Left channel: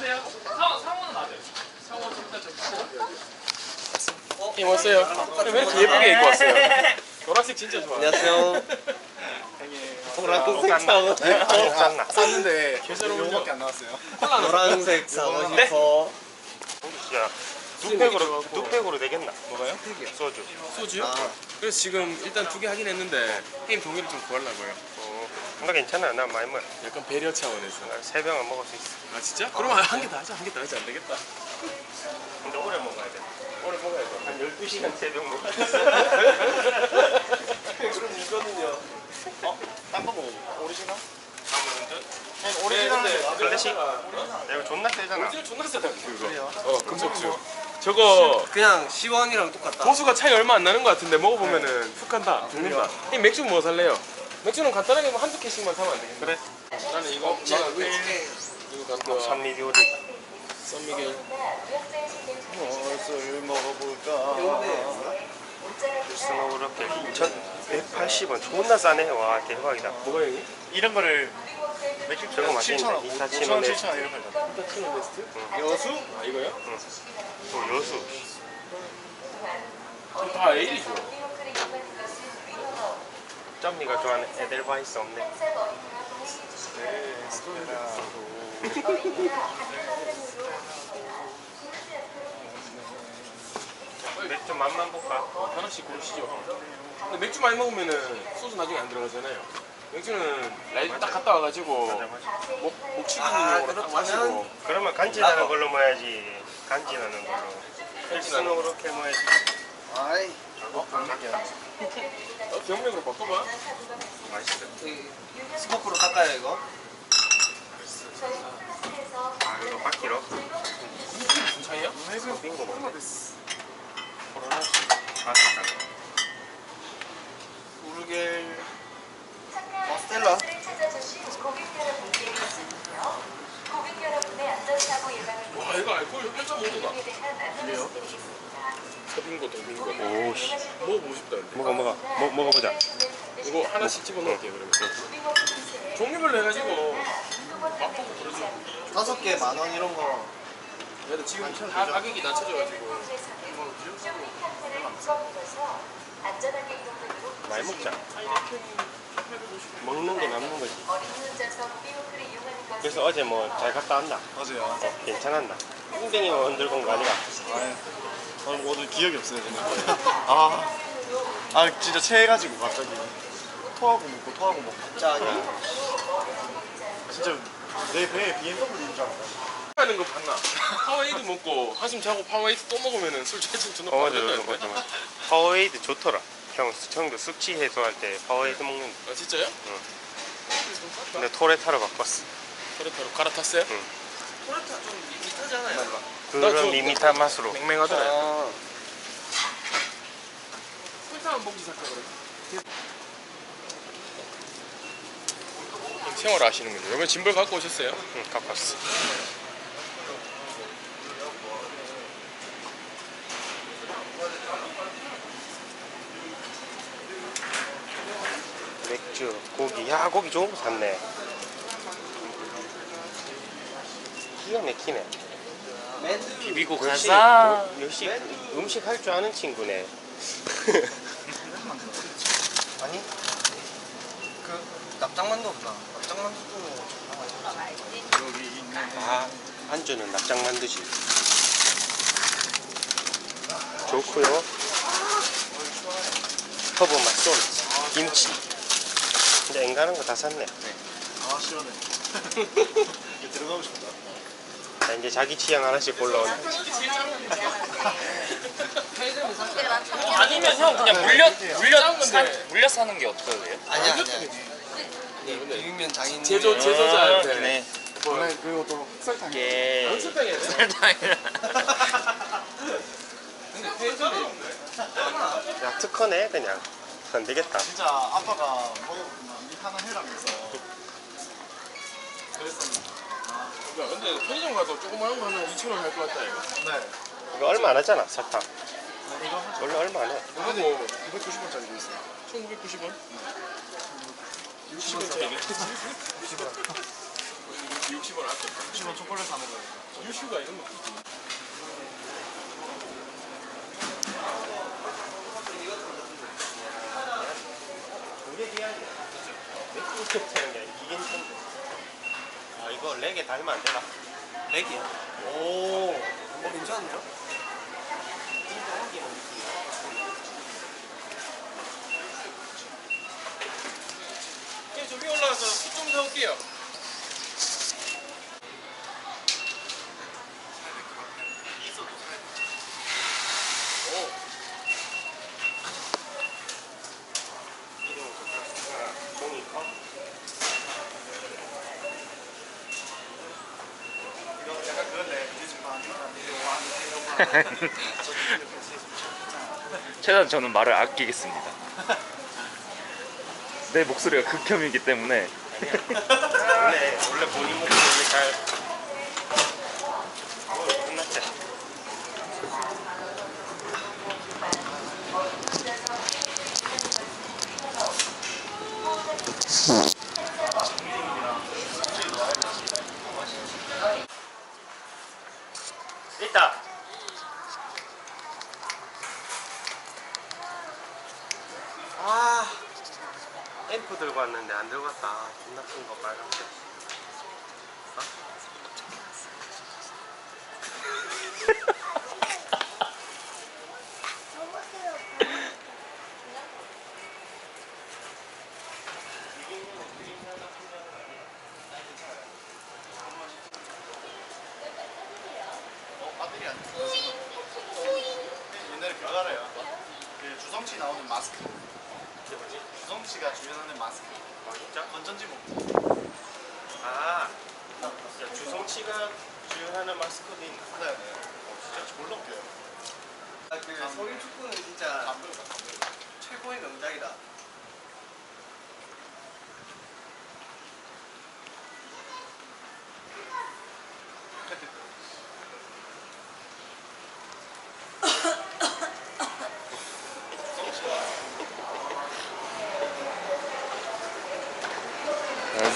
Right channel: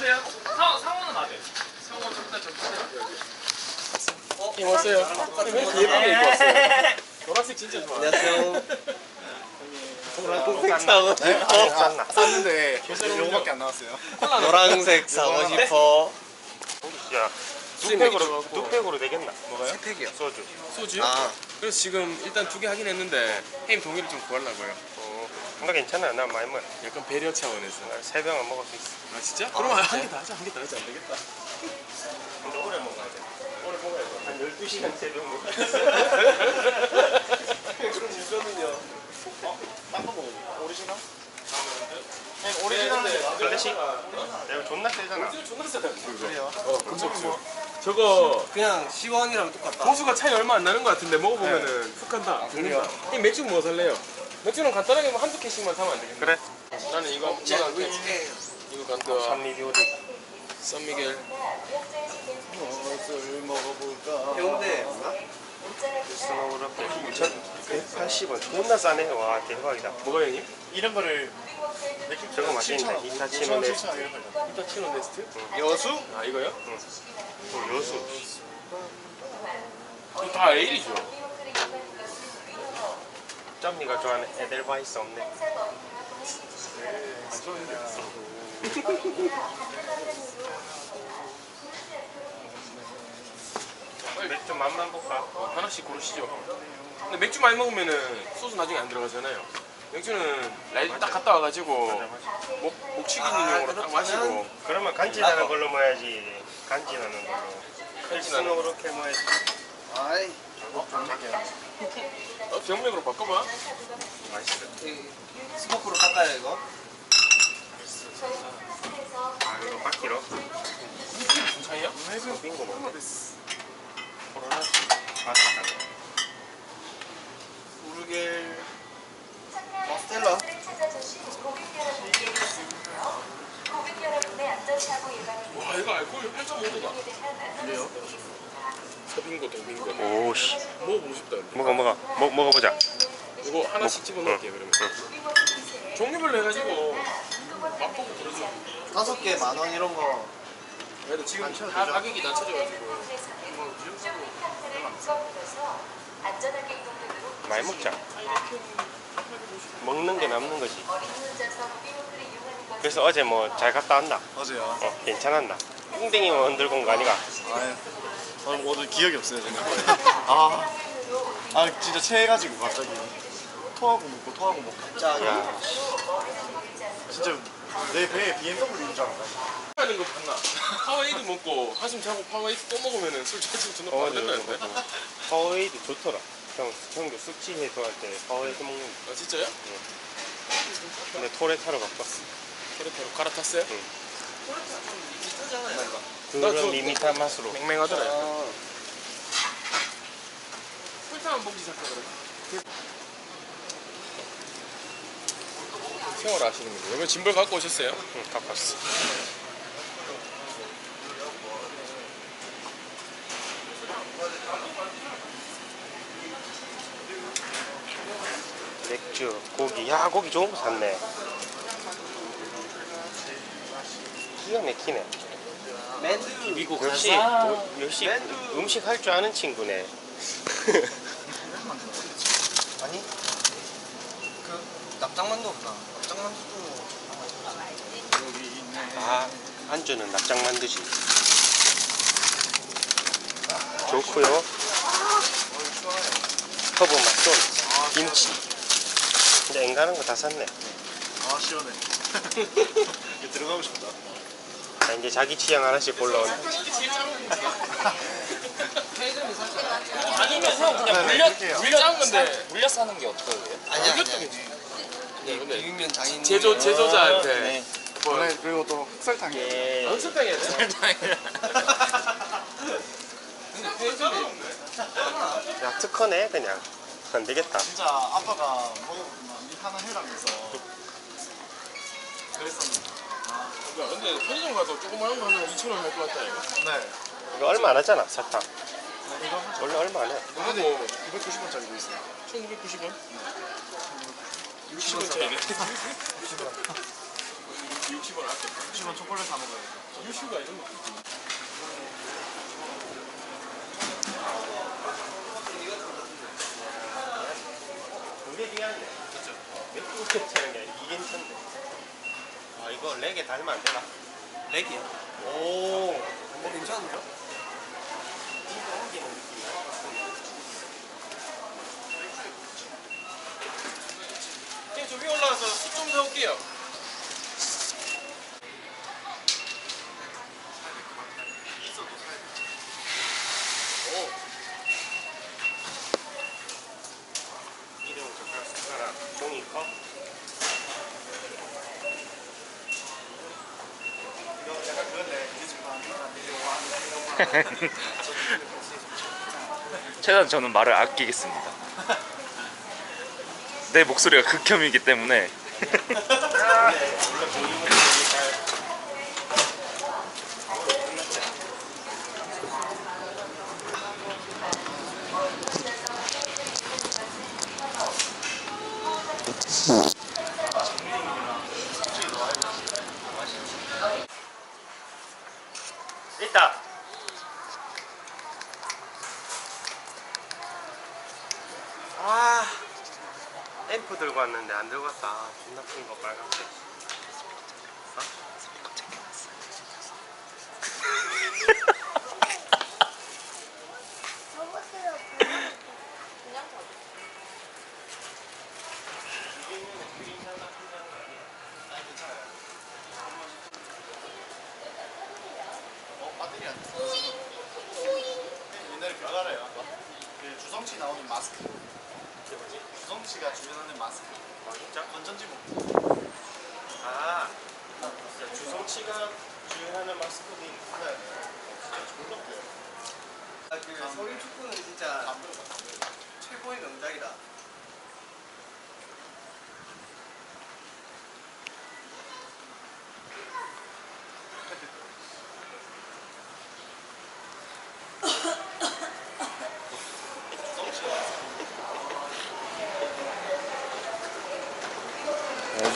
안녕하세요. 상호는 맞아요. 상호 일단 좀 왔어요. 왜 이렇게 예쁘게 입고 왔어요? 노란색 진짜 좋아. 안녕하세요. 노란색 사고 싶어. 샀는데 요거밖에 안 나왔어요. 노란색 사고 싶어. 야, 뚝팩으로 되겠나? 뭐가요? 팩이요. 소주. 소주요? 아. 그래서 지금 일단 2개 하긴 했는데 형님 동의를 좀 구하려고요. 나 괜찮아. 나 많이 먹어. 약간 배려 차원에서. 3병은 먹을 수 있어. 아 진짜? 그러면 한 개 더 하자. 한 개 더 하자. 안 되겠다. 근데 오래 먹어야 돼. 오래 먹어야 돼. 한 12시간 3병 먹어야 돼. 그럼 이거는요. 딴거 먹어볼까? 오리지널? 오리지널 클래식? 야, 이거 존나 세잖아. 오리지널 존나 세다 그래요? 그거. 금속주. 저거 그냥 시원이랑 똑같다. 도수가 차이 얼마 안 나는 것 같은데 먹어보면은 푹 한다. 죽는다. 이 맥주 뭐 살래요? 맥주는 간단하게 뭐 한두 캔씩만 사면 안 되겠네. 그래. 나는 이거 이거 간다. 산미디오리. 썬미겔. 무엇을 먹어볼까? 해운대. 스노우로켓 2,180원. 존나 싸네. 와, 대박이다. 뭐가 형님? 이런 거를 저거 맛있는데. 이타치노 네스트. 7,000원 이런 거 있잖아. 히타치노 네스트? 여수? 아 이거요? 또 여수. 다 A이죠. 짬미가 좋아하는 에델바이스 없네. 맥주 맛만 볼까? 하나씩 고르시죠. 근데 맥주 많이 먹으면은 소주 나중에 안 들어가잖아요. 맥주는 라이브 딱 갔다 와가지고 목치기용으로 딱 마시고. 그러면 간지나는 걸로 먹어야지. 간지나는 걸로. 스노우로켓 먹어야지. 아이. 병맥으로 바꿔봐. 맛있어. 스모크로 닦아요 이거? 아, 이거 바퀴로? 무슨 차이야? 빙고 먹네. 코로나. 맛있다. 우르겔. 스텔라. 와 이거 알코올 8.5도다. 그래요? 서빙고 동빙고. 오씨. 먹어보고 싶다. 근데. 먹어보자. 이거 하나씩 집어넣을게요 그러면. 종류별로 해가지고 맛보고 그러죠. 5개 10,000원 이런 거. 그래도 지금 다 가격이 낮춰져가지고. 많이 먹자. 먹는 게 남는 거지. 그래서 어제 뭐 잘 갔다 왔나? 어제요. 괜찮았나? 웅댕이 만들고 온 거 아니가? 아유, 저는 오늘 기억이 없어요, 저는. 진짜 체해가지고 갑자기 토하고 먹고 갑자기. 진짜 내 배에 BMW인 줄 알았다. 하는 거 봤나? 파워에이드 먹고 한숨 자고 파워에이드 또 먹으면은 술 체중 존나 빠진다는데. 파워에이드 좋더라. 형도 숙취 해소할 때 파워에이드 먹는다. 아 진짜요? 근데 토레타로 바꿨어. 토레타로 갈아탔어요? 응. 토레타 좀 밋밋하잖아요. 그런 밋밋한 맛으로. 맹맹하더라. 아. 토레타만 먹기 시작하 그래. 생활 하시는군요. 이번 짐벌 갖고 오셨어요? 응, 갖고 왔어. 맥주, 고기. 야, 고기 좋은 거 샀네. 기가 막히네. 맨두. 비비고 역시 음식 할 줄 아는 친구네. 아니? 그 납작만두 없나? 납작만두도. 여기 있네. 아, 안주는 납작 만두지. 좋고요. 허브 맛도 김치. 근데 앵간한 거 다 샀네. 시원해. 이거 들어가고 싶다. 자, 이제 자기 취향 하나씩 골라온다. 아니면 형 그냥 물려 사는 게 어떠세요? 아니야. 근데 비빔면 장인. 제조자한테 네. 뭐 그리고 또 흑설탕이. 연습당해야 돼? 근데 페이저가 없네. 야, 특허네 그냥. 안 되겠다. 진짜 아빠가 이 하나 해라면서 그랬었는데. 야, 근데 편의점 가서 조그마한 거 하면 2,000원 할 것 같다 이거. 네. 이거 얼마 안 하잖아, 설탕. 이거 하죠. 원래 얼마 안 해. 근데 290원짜리도 있어요. 1,990원? 60원 차이네. 60원 아꼈다. 90원 초콜릿 사 먹어요. 유슈가 이런 것도 있지. 그게 중요한 게 그렇죠. 맥주 캡처하는 게 아니라 이게 괜찮네. 아 이거 렉에 달면 안 되나? 렉이야. 오, 괜찮은데요? 진짜 옮기는 느낌이야. 그냥 저 위에 올라가서 숯 좀 사올게요. 이름 젓가락 종이컵. 이거 약간 그건데 뮤직만 최대한 저는 말을 아끼겠습니다. 내 목소리가 극혐이기 때문에. 원래 본인 목소리 잘. 끝났지. 있다. 아, 앰프 들고 왔는데 안 들고 왔다. 아, 존나 큰 거 빨간색. 어? 배터리 안 돼. 옛날에 그거 알아요? 그 주성치 나오는 마스크. 이게 뭐지? 주성치가 주변하는 마스크. 아, 진짜? 건전지 목. 아, 진짜 주성치가 주행하는 마스크도 있네. 네. 진짜 졸라 웃겨요. 그 서울 축구는 진짜 안 보여, 안 보여. 최고의 명작이다.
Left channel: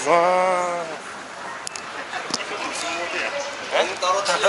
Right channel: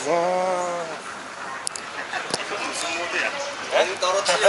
와. 무슨 모드야? 엉 떨어뜨려.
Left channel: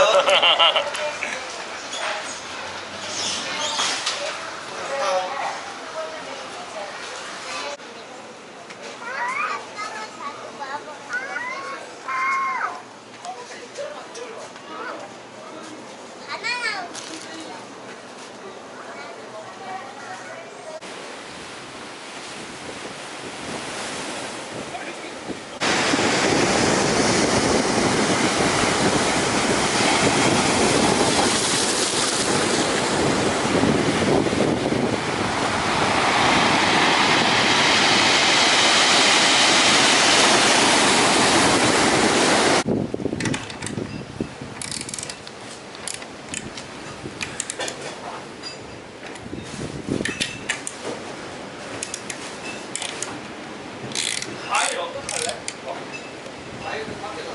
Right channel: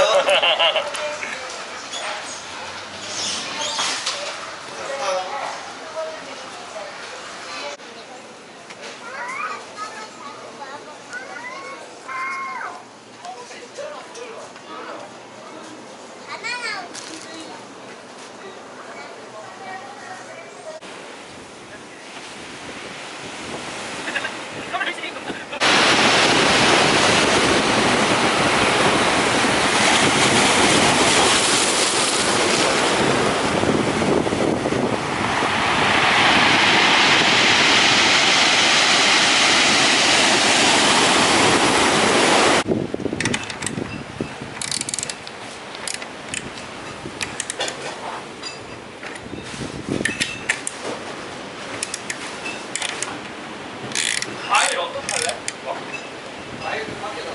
과일 어떡할래? 아이고 밖에다.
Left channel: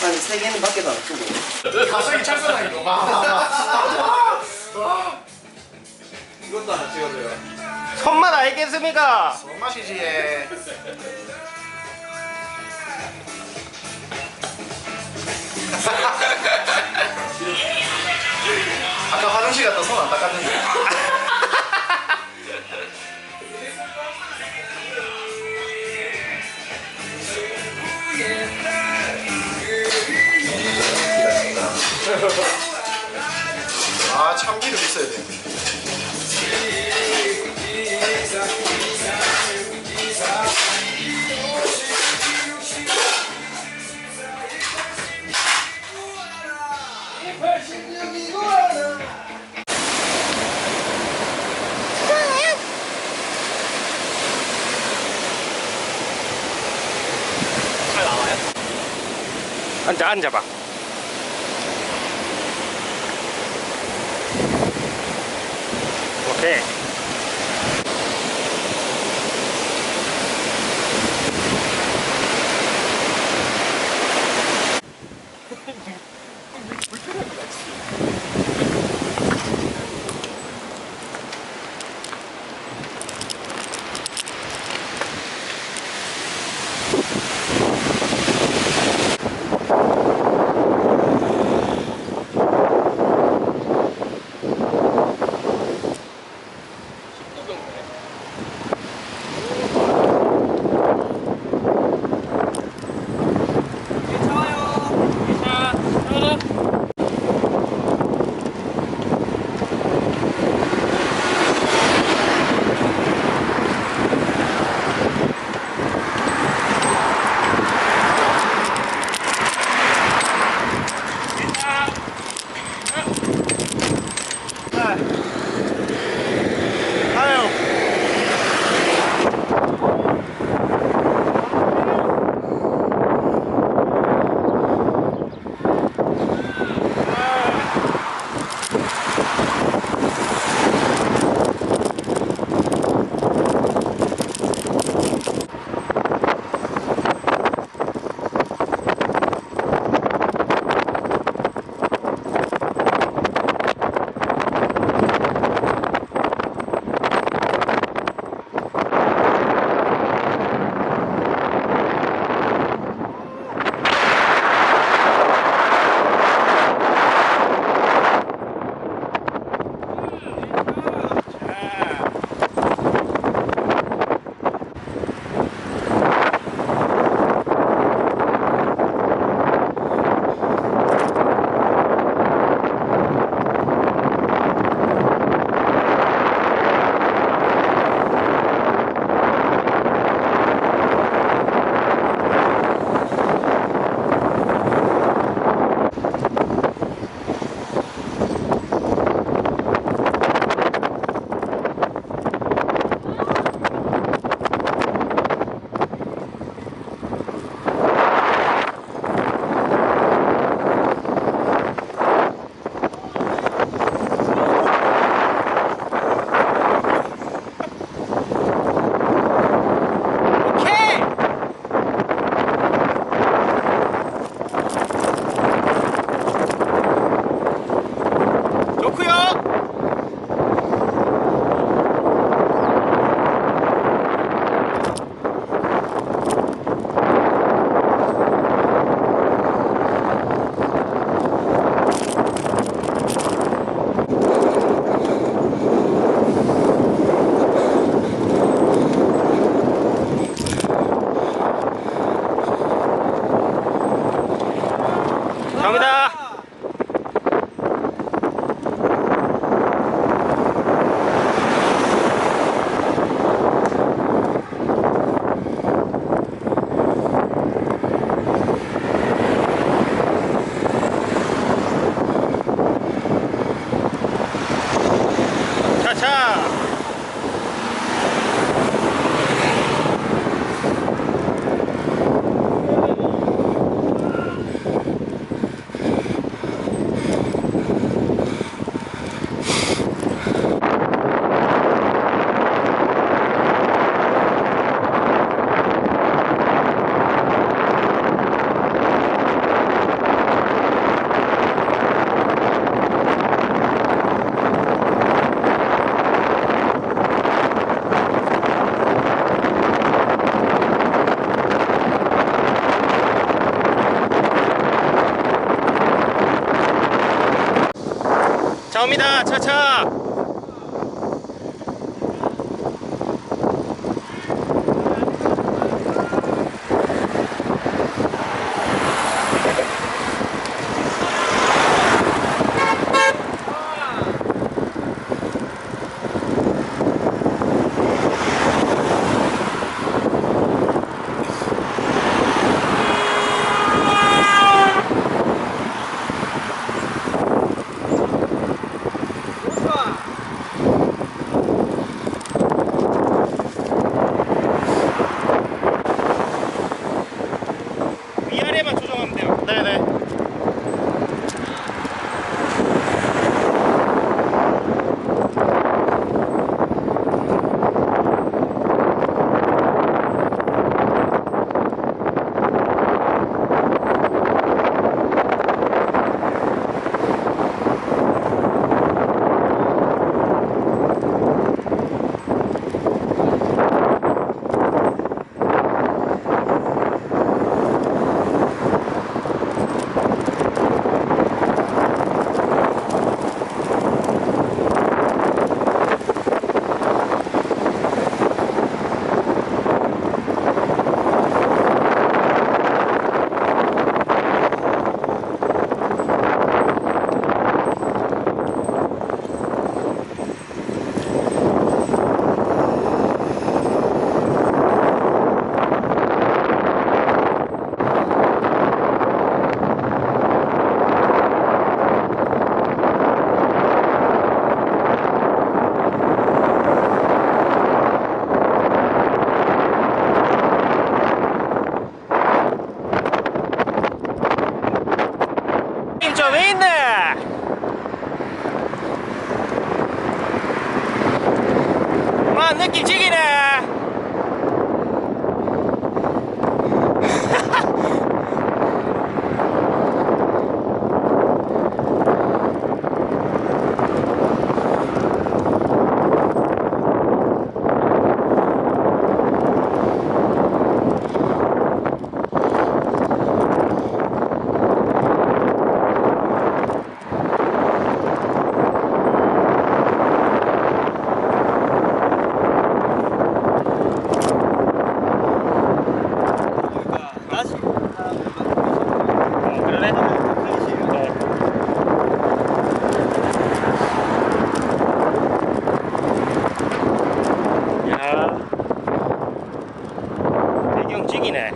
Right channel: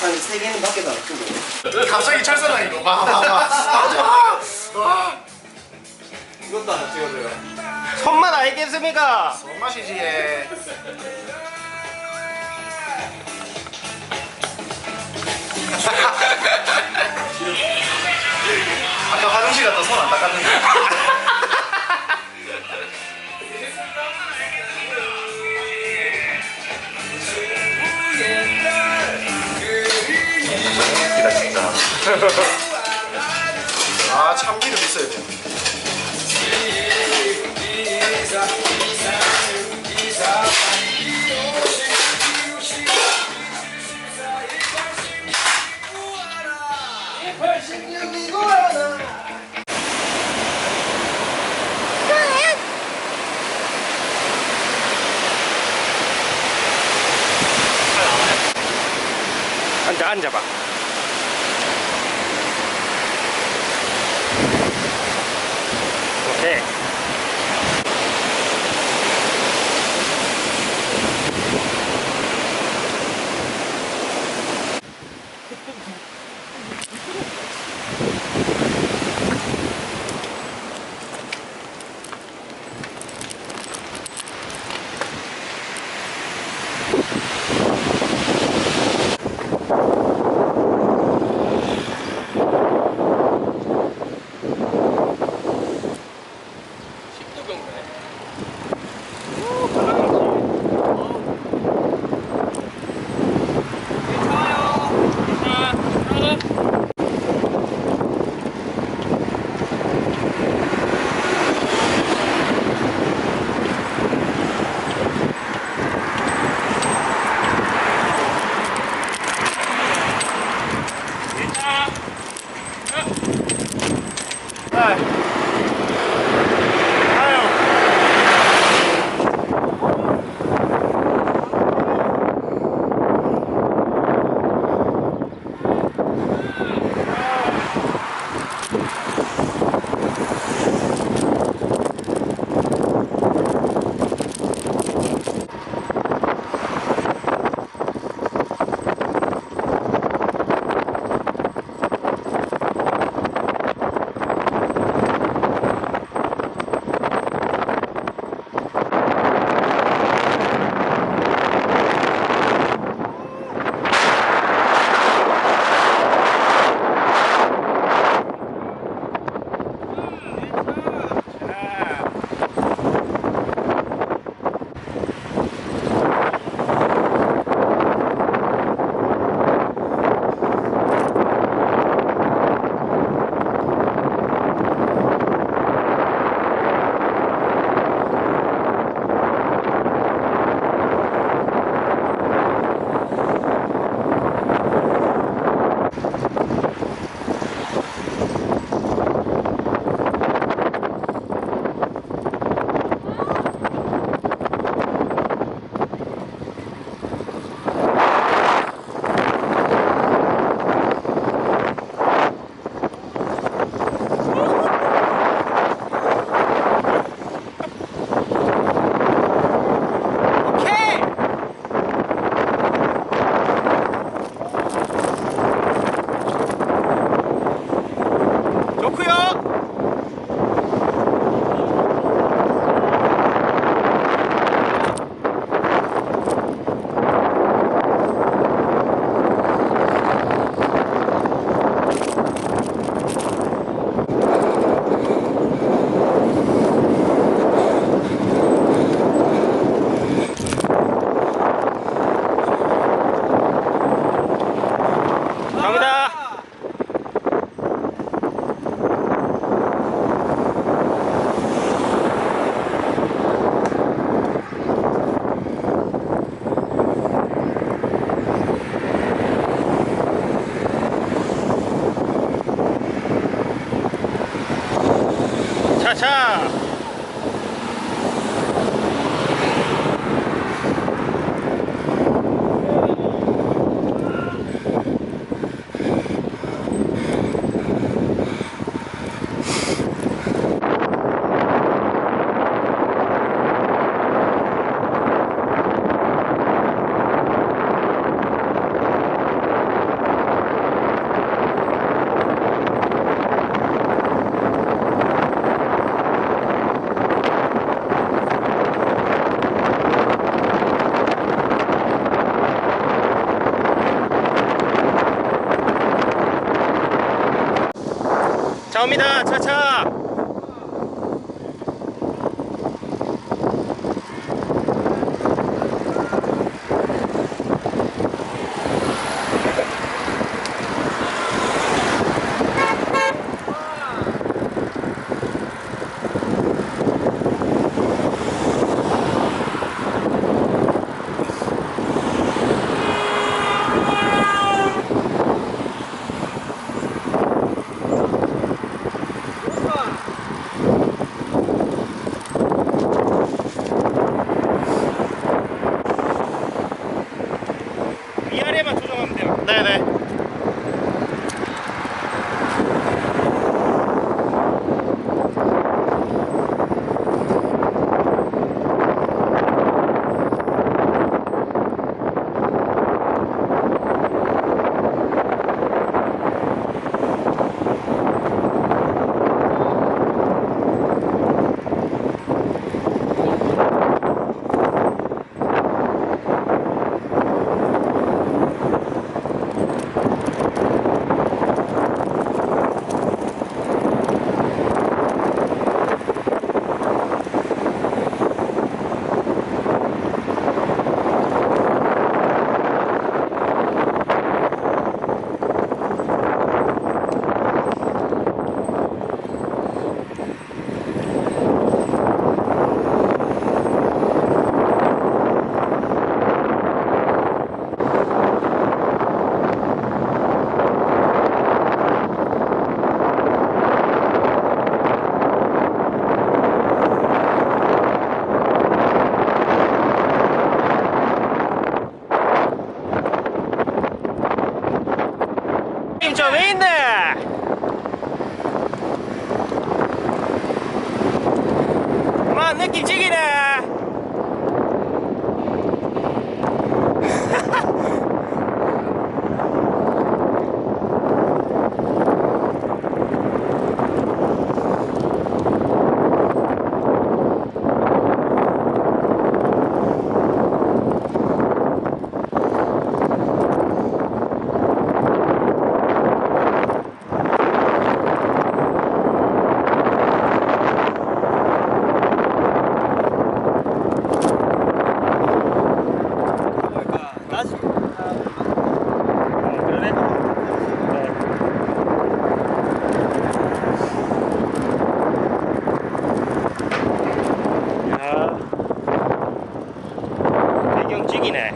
한 3개는 밖에다 놔두고. 갑자기 철사랑 이거 봐. 이것도 하나 찍어줘요. 손맛 알겠습니까? 뭔 맛이지 얘. 아까 화장실 갔다 손 안 닦았는데. 아 참기름 있어야 돼. 앉아봐. 오케이. 갑니다. 차차. 자, 옵니다. 차차. 위아래만 조정하면 돼요. 네네. 힘 좀 있네. 와, 느낌 지기네. 다시 그러네. 야, 배경 찍이네.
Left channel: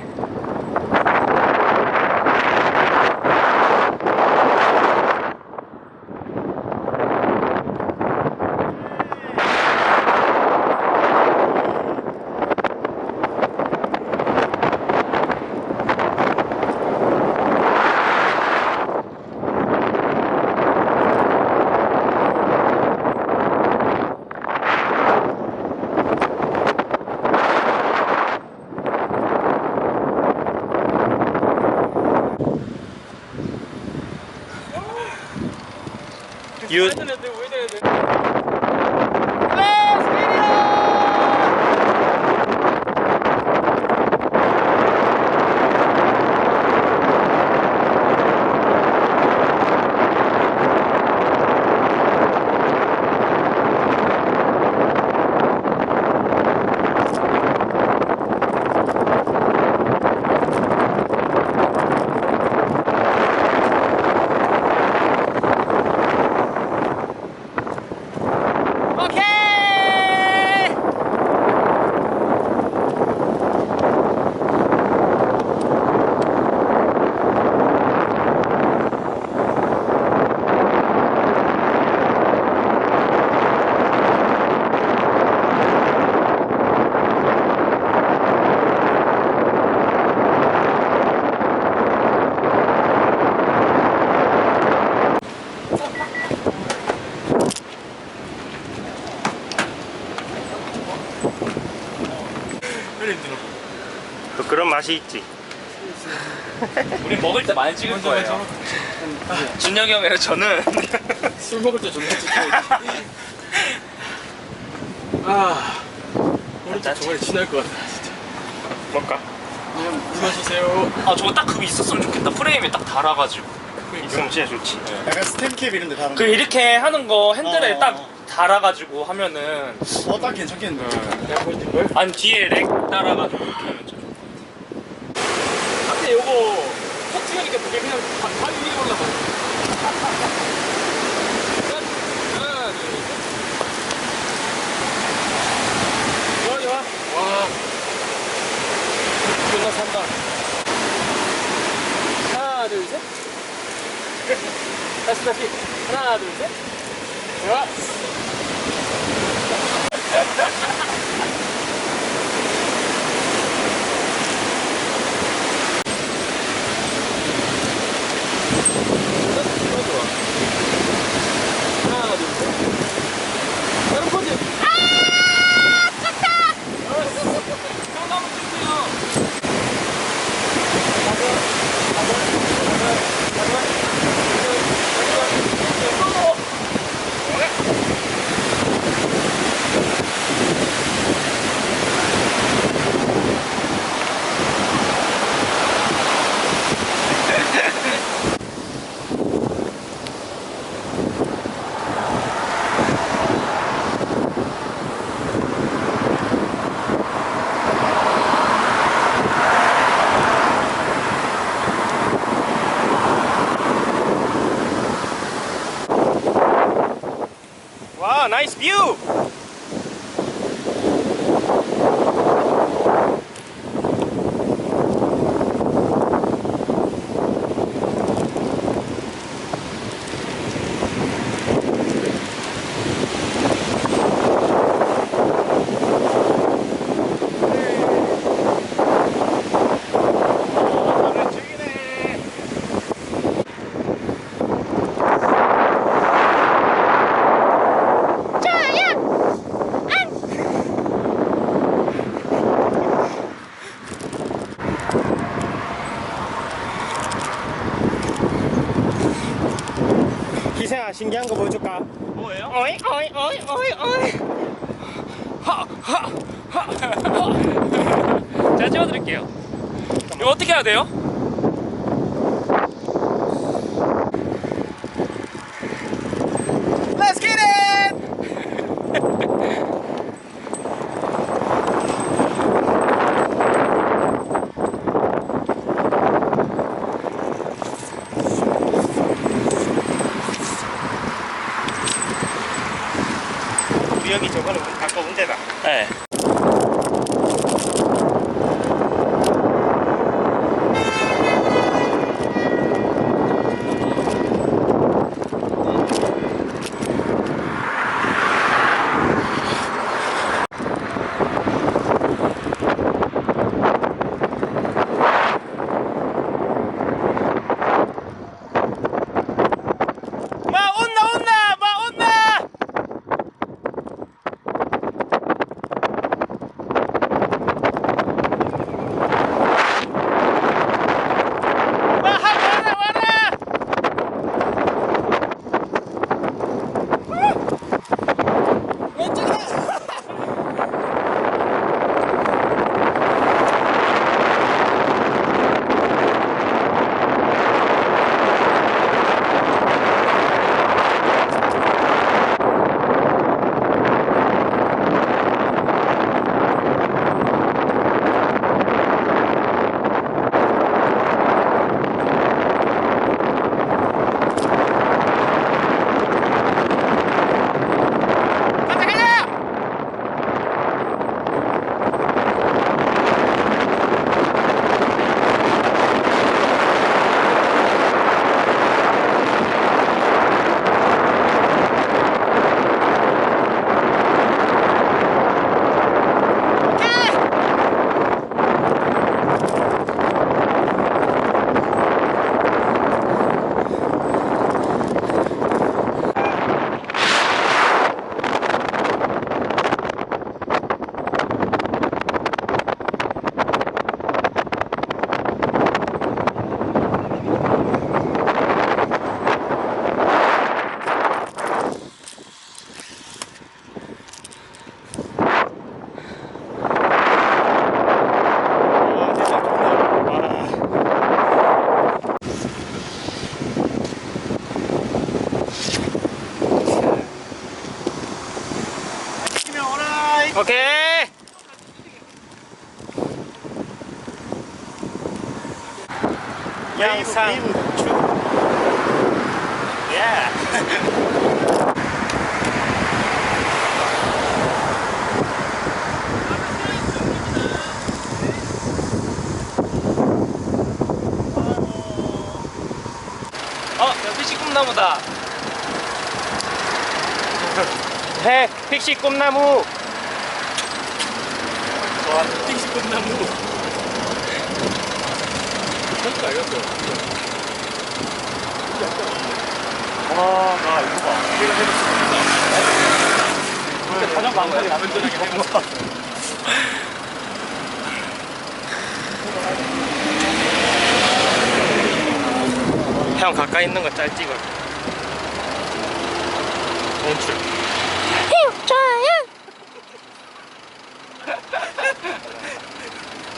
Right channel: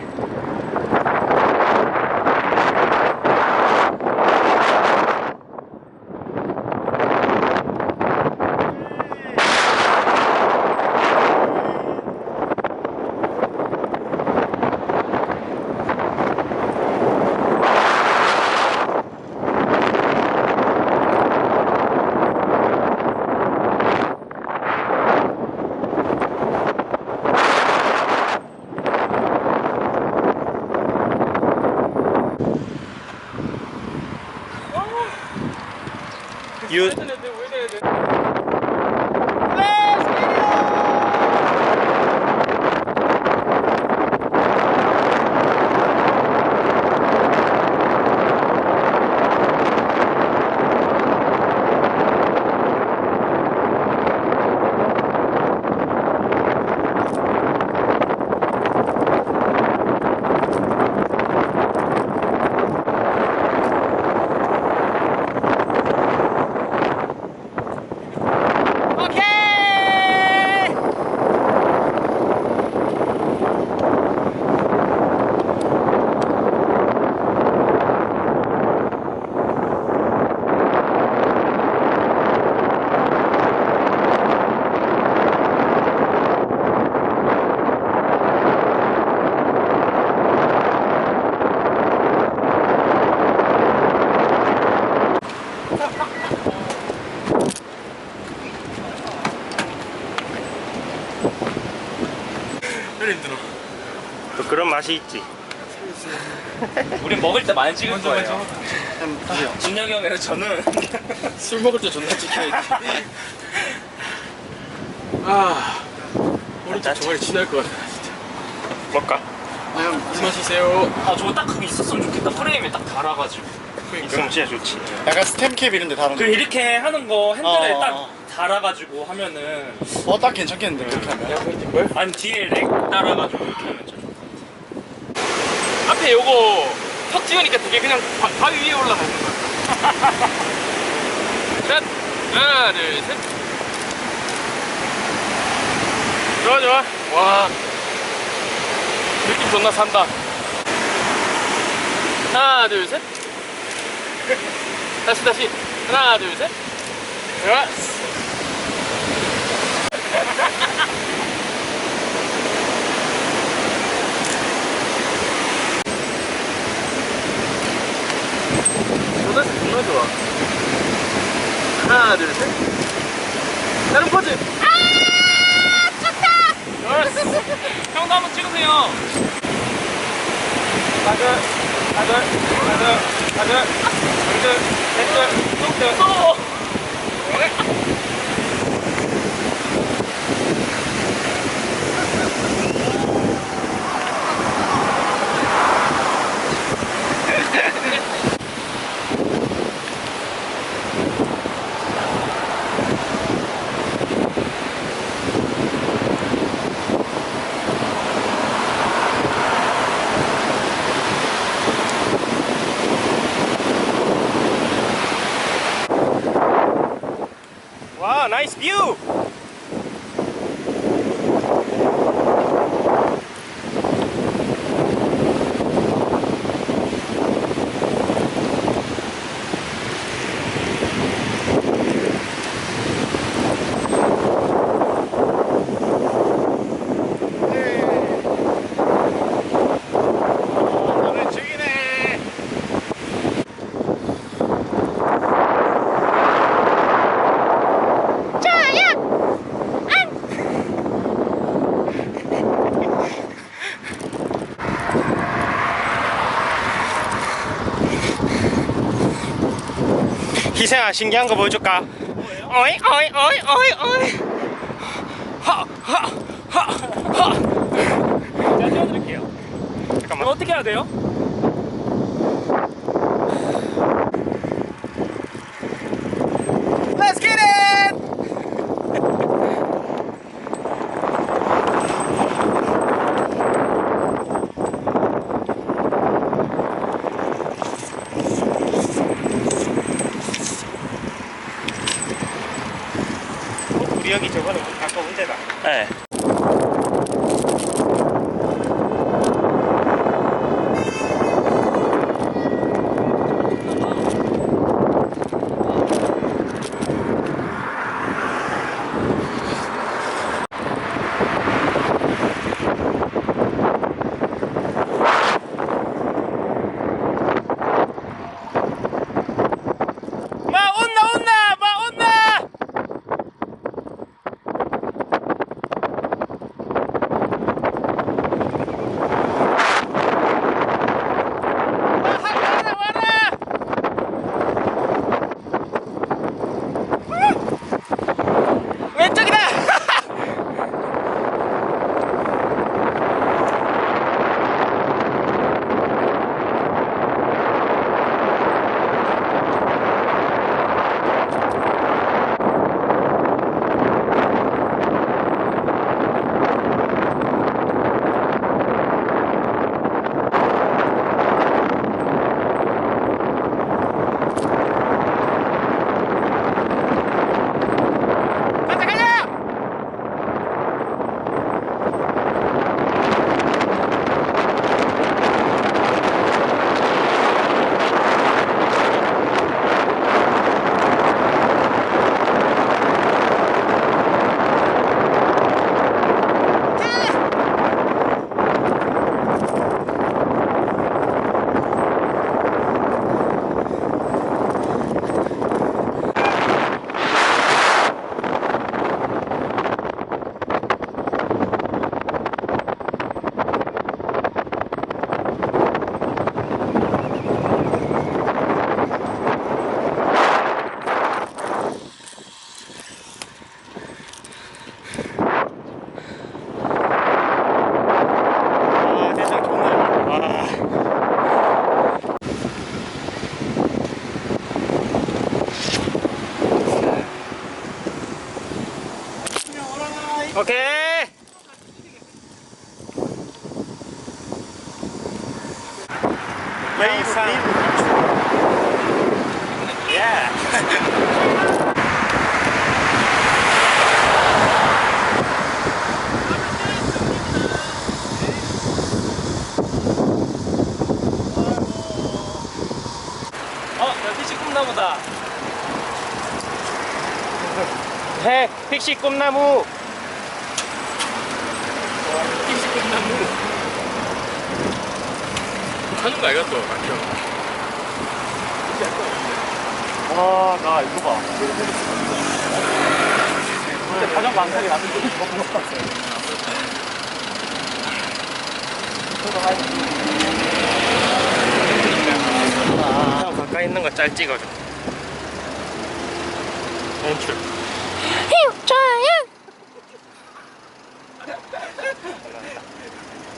유. 그런 맛이 있지. 우린 먹을 때 많이 찍을 거예요. 준혁이 형이랑 저는 술 먹을 때 존나 찍혀야지. 아, 오른쪽 정말 지날 것 같아 진짜. 먹까? 그냥 물 마시세요. 아 저거 딱 그거 있었으면 좋겠다. 프레임에 딱 달아가지고. 있으면 진짜 좋지. 약간 스탬캡 이런데 다른 그 이렇게 하는 거 핸들에 어, 딱 어. 달아가지고 하면은 딱 괜찮겠는데 그렇게 하면. 야, 보이는 걸? 아니 뒤에 렉 달아가지고 이렇게 하면 진짜 좋을 것 같아. 앞에 요거 턱 튀으니까 되게 그냥 바위 위에 올라가. 셋, 하나, 둘, 셋. 좋아, 좋아. 와, 느낌 존나 산다. 하나, 둘, 셋. 다시, 다시. 하나, 둘, 셋. 좋아. 존나 좋아. 하나, 둘, 셋. 다른 포즈. 형도 한번 찍으세요. 하나, 하나, 하나, 하나, 둘, 셋, 넷, 또. 와, 나이스 뷰! 희생아, 신기한 거 보여줄까? 뭐예요? 어이 어이 어이 어이 어이. 제가 찍어드릴게요. 이거 어떻게 해야 돼요? Let's get it! 우리 여기 저번에 아까 온 데다. 네. 온나 온나 마 온나. 오케이. 영상 예. 피시 꿈나무다. 픽시 꿈나무. 피시 꿈나무. 하는 거 알겠어. 나 이거 봐. 근데 가장 망설이 나는 적이 이거 본것 같아. 형 가까이 있는 거 짤 찍어. 연출. 좋아요.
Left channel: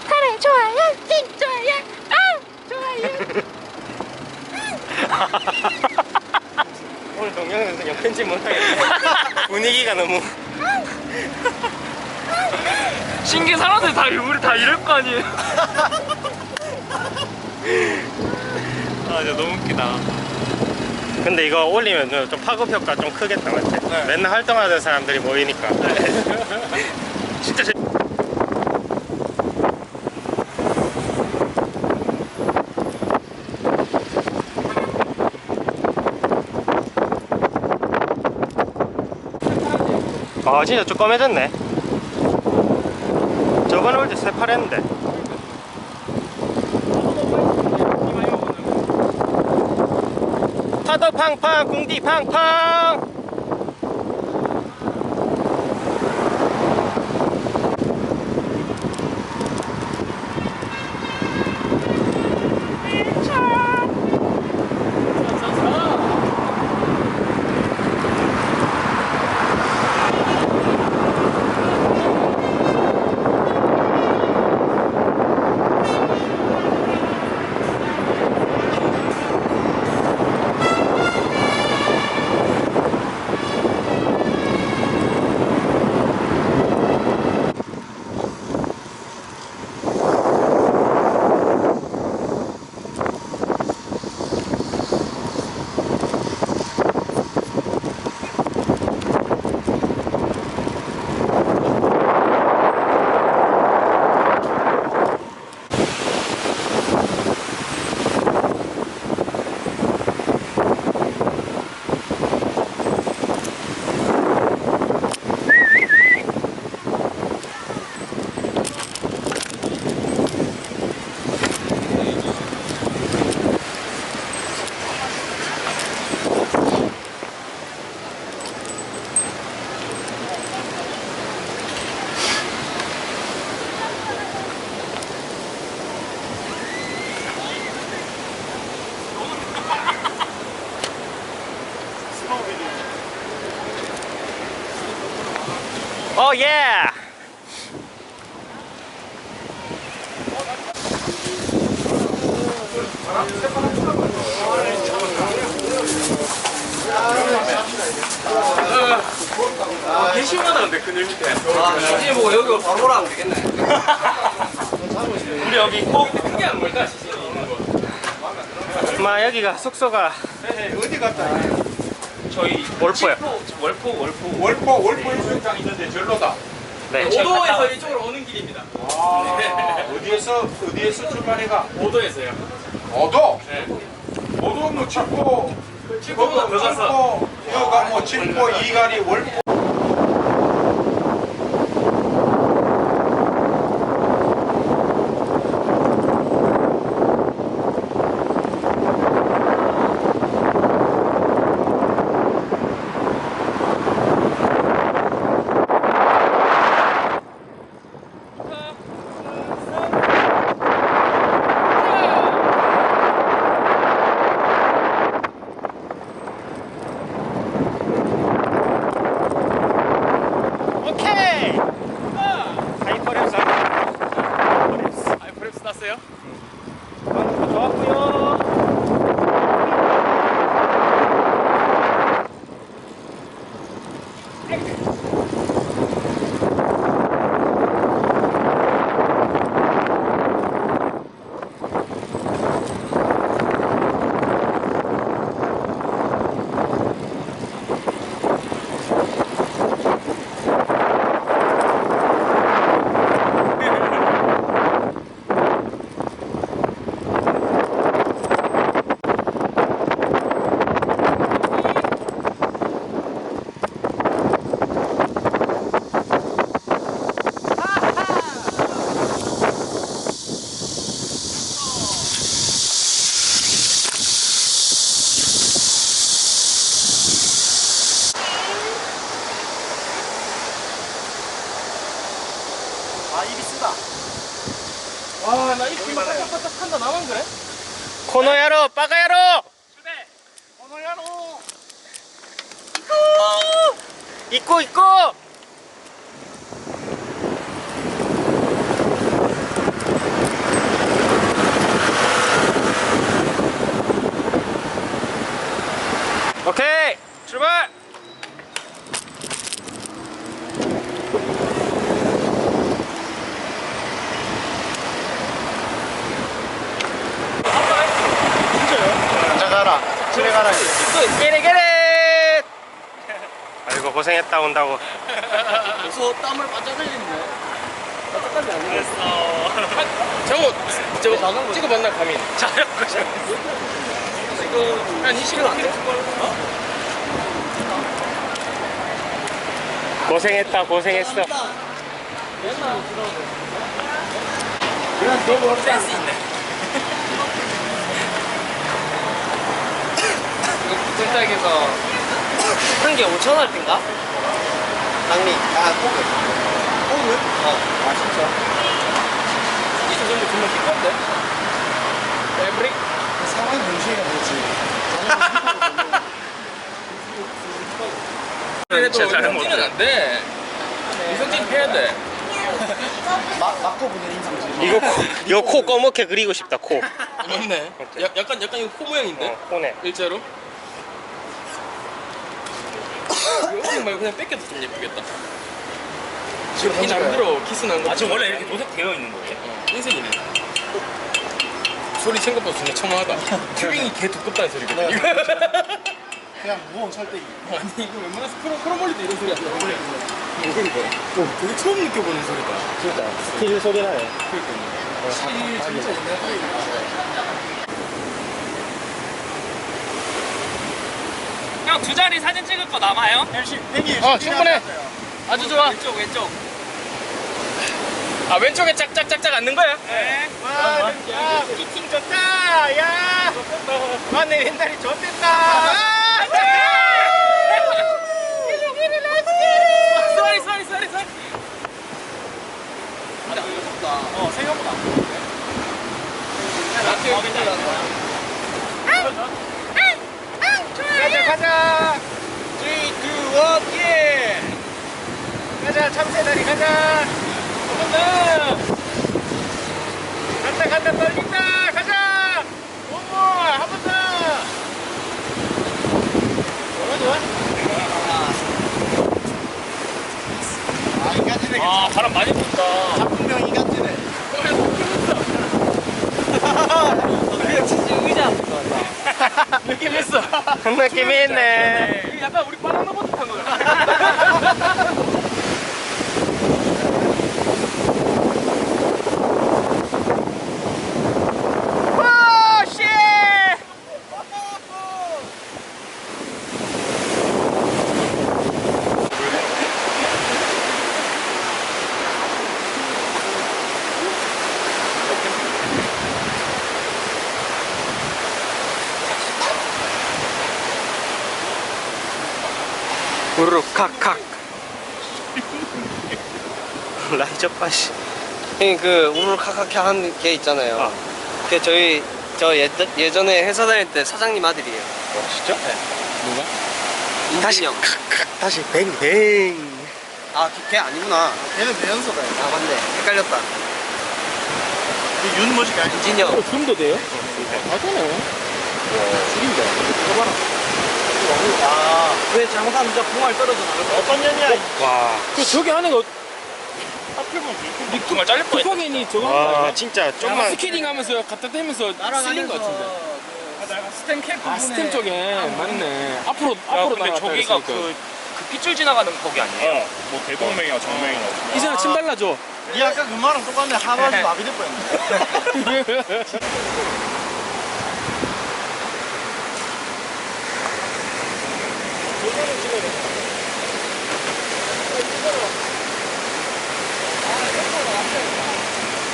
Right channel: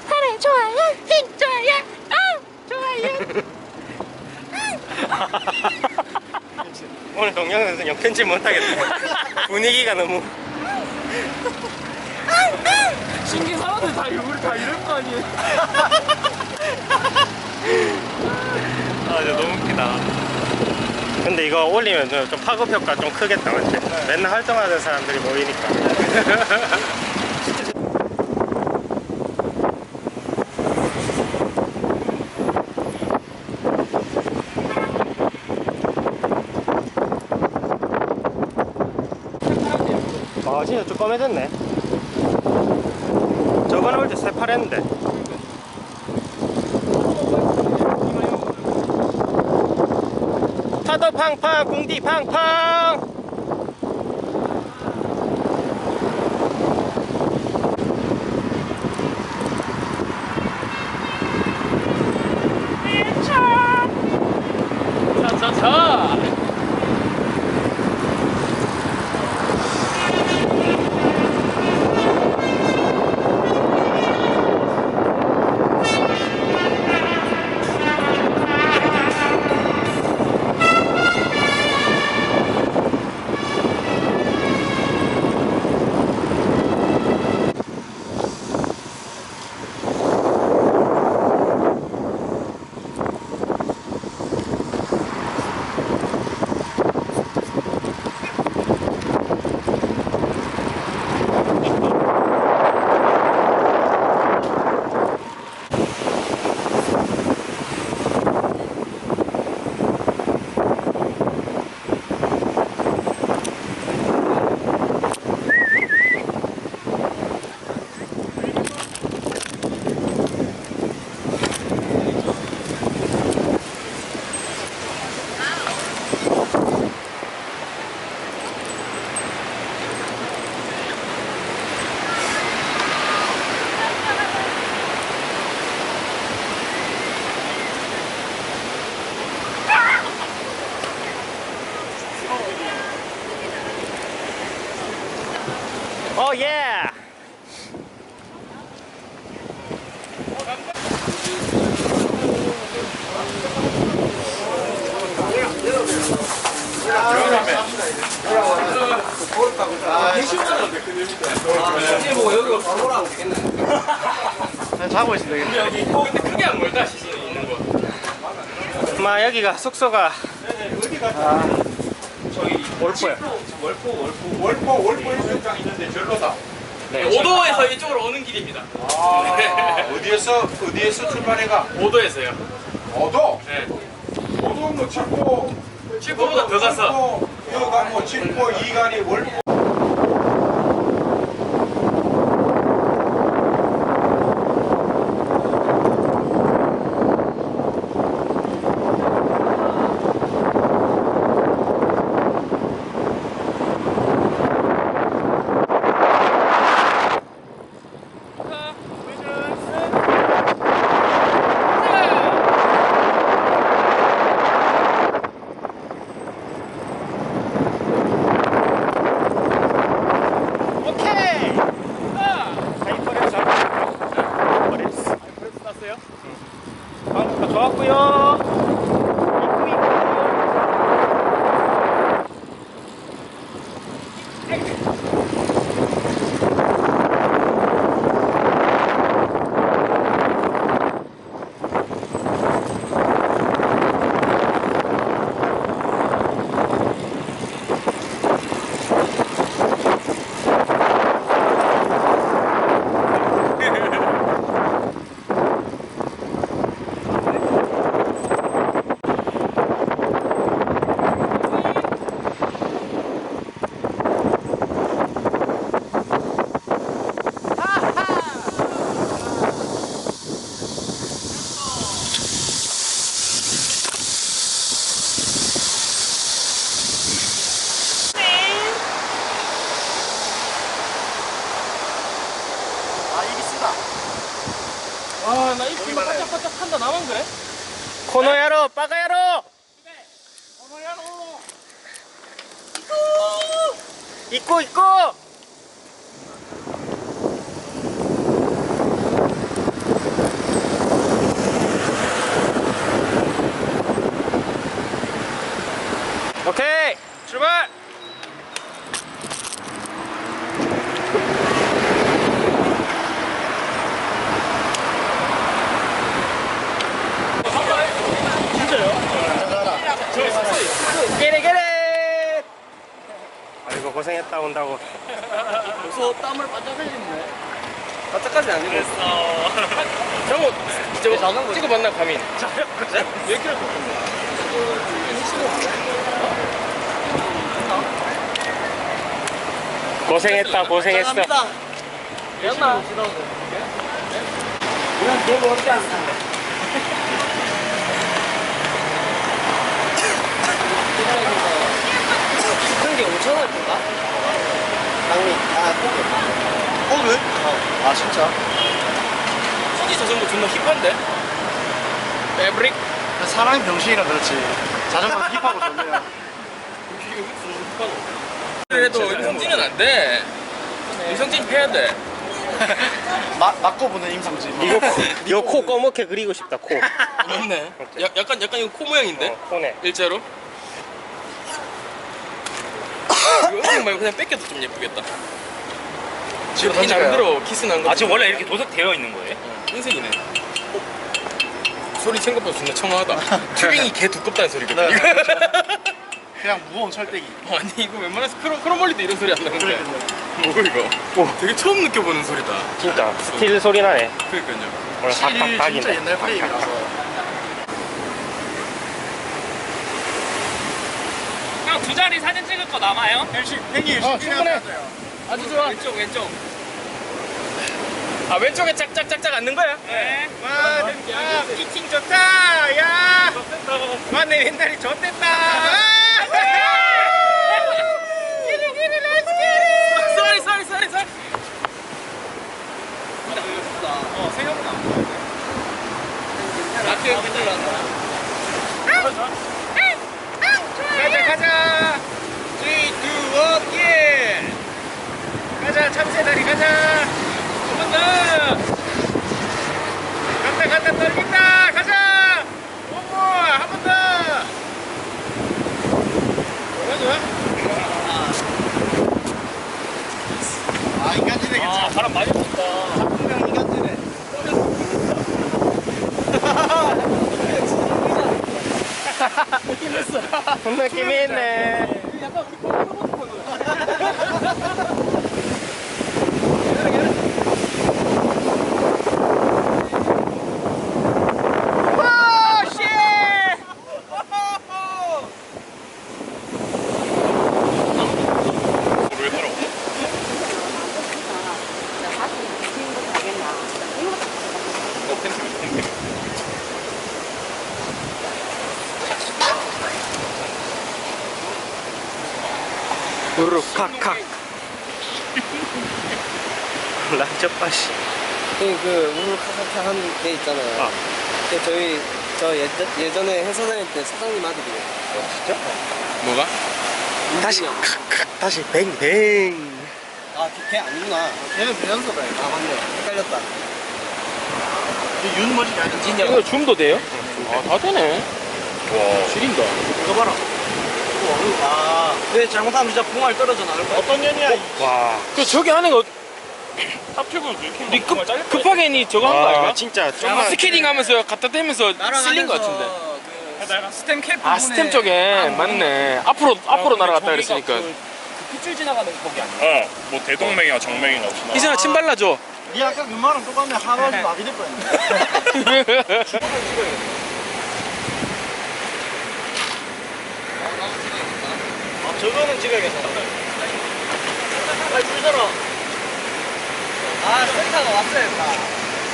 하래 좋아요. 핑 좋아요. 오늘 동영상에서 편집 못하겠다. 분위기가 너무. 신기 사람들 다 우리 다 이럴 거 아니에요. 아, 진짜 너무 웃기다. 근데 이거 올리면 좀 파급 효과 좀 크겠다, 맞지? 맨날 활동하는 사람들이 모이니까. 진짜 진짜 좀 검해졌네. 저번에 올 때 새파랬는데. 파도 팡팡, 공디 팡팡. 자. 오 예. 시원한데 그늘 밑에. 시신 보고 여기 바로 오라면 되겠네. 자고 있습니다. 근데 여기 근데 크게 안 멀다 시신이 있는 거. 마 여기가 숙소가 어디 갔다? 저희 월포야. 월포 해수욕장 있는데 절로다. 네. 오도에서 이쪽으로 오는 길입니다. 어디에서 출발해가? 오도에서요. 어도? 네. 어도 뭐 칠포. 칠포보다 더 가서. 여가 뭐 칠포 이간이 월포. 반짝반짝 한다 나만 그래? 코노야로 빠가야로 있고 있고 오케이 출발. 게레게레. 아이고 고생했다 온다고. 벌써 땀을 반짝 흘리네. 반짝까지 안 흘렸어. 저거 찍어봤나 가민? 고생했다 고생했어. 미안나. 이건 너무 어렵지 않다. 진짜에서 큰 게 5,000원인가? 장미. 아, 호그. 호그? 아, 진짜? 수지 자전거 존나 힙한데? 에브릭? 사람이 병신이라 그렇지. 자전거 힙하고 좋네요. 그래도 이성진은 안 돼. 이성진 패야 돼. 맞고 보는 임상진. 이거 코 검게 그리고 싶다 코. 맞네. 약간 이거 코 모양인데? 코네. 일자로? 이거 은행 말고 그냥 뺏겨도 좀 예쁘겠다. 지금 이 나름대로 키스 난 거. 아 지금 원래 이렇게 도색되어 있는 거예요? 흰색이네. 소리 생각보다 존나 청아하다. 튜빙이 개 두껍다는 소리거든. 이거. 그냥 무거운 철대기. 아니 이거 웬만해서 크롬볼리도 이런 소리 안 나는데. 뭐 이거? 되게 처음 느껴보는 소리다. 진짜 스틸 소리 나네. 그러니까요. 오늘 진짜 팍팍팍이네. 옛날 플레이라서. 형 두 자리 사진 찍을 거 남아요? 행이 충분해. 아주 좋아. 왼쪽. 아 왼쪽에 짝짝짝짝 앉는 거야? 네. 와, 피팅 좋다. 야, 와, 내 왼다리 좋댔다. 쏘리. 생각보다 안 무거운데. 가자. 3, 2, 1, 예. 가자, 참새다리 가자. 한 번 더. 간다, 떨긴다. 가자. 오모, 한 번 더. 좋아. 아, 인간지네 아 괜찮아. 바람 많이 분다. 작품명 인간지네. 느낌 있어. 느낌이 있네. 약간 우리 바나나 보트 탄 거야. 오, 씨. 우르륵 칵칵. 라이저빠시. 형님 그 우르르카카카 하는 게 있잖아요. 아. 그 저 예전에 회사 다닐 때 사장님 아들이에요. 진짜? 뭐가? 다시 인진이 형. 칵칵 다시 뱅뱅. 아, 걔 아니구나. 얘는 배연소다. 아, 맞네. 헷갈렸다. 윤 뭐지? 아니, 인진이 형. 이거 줌도 돼요? 다 되네. 줄인다. 이거 봐라. 아, 왜 잘못하면 진짜 봉알 떨어져 나올 거야. 어떤 년이야? 와. 그 저기 하는 거 니 정말 잘릴 뻔. 급하게 니 저거 한 거 와, 아니야? 진짜 아마 좀만. 스케이팅 하면서 갖다 대면서 쓸린 거 같은데. 그 스템 캡 아 스템 쪽에 맞네. 앞으로 날아갔다 그랬으니까. 그 핏줄 지나가는 거기 아니야? 뭐 대동맥이나 정맥이나 없이 이제는 침 발라줘. 니 아까 그 말랑 똑같네. 하루아주 마비될 뻔했네. 저거는 찍어야겠다. 아, 이쁘잖아. 아, 센터가 왔어야겠다.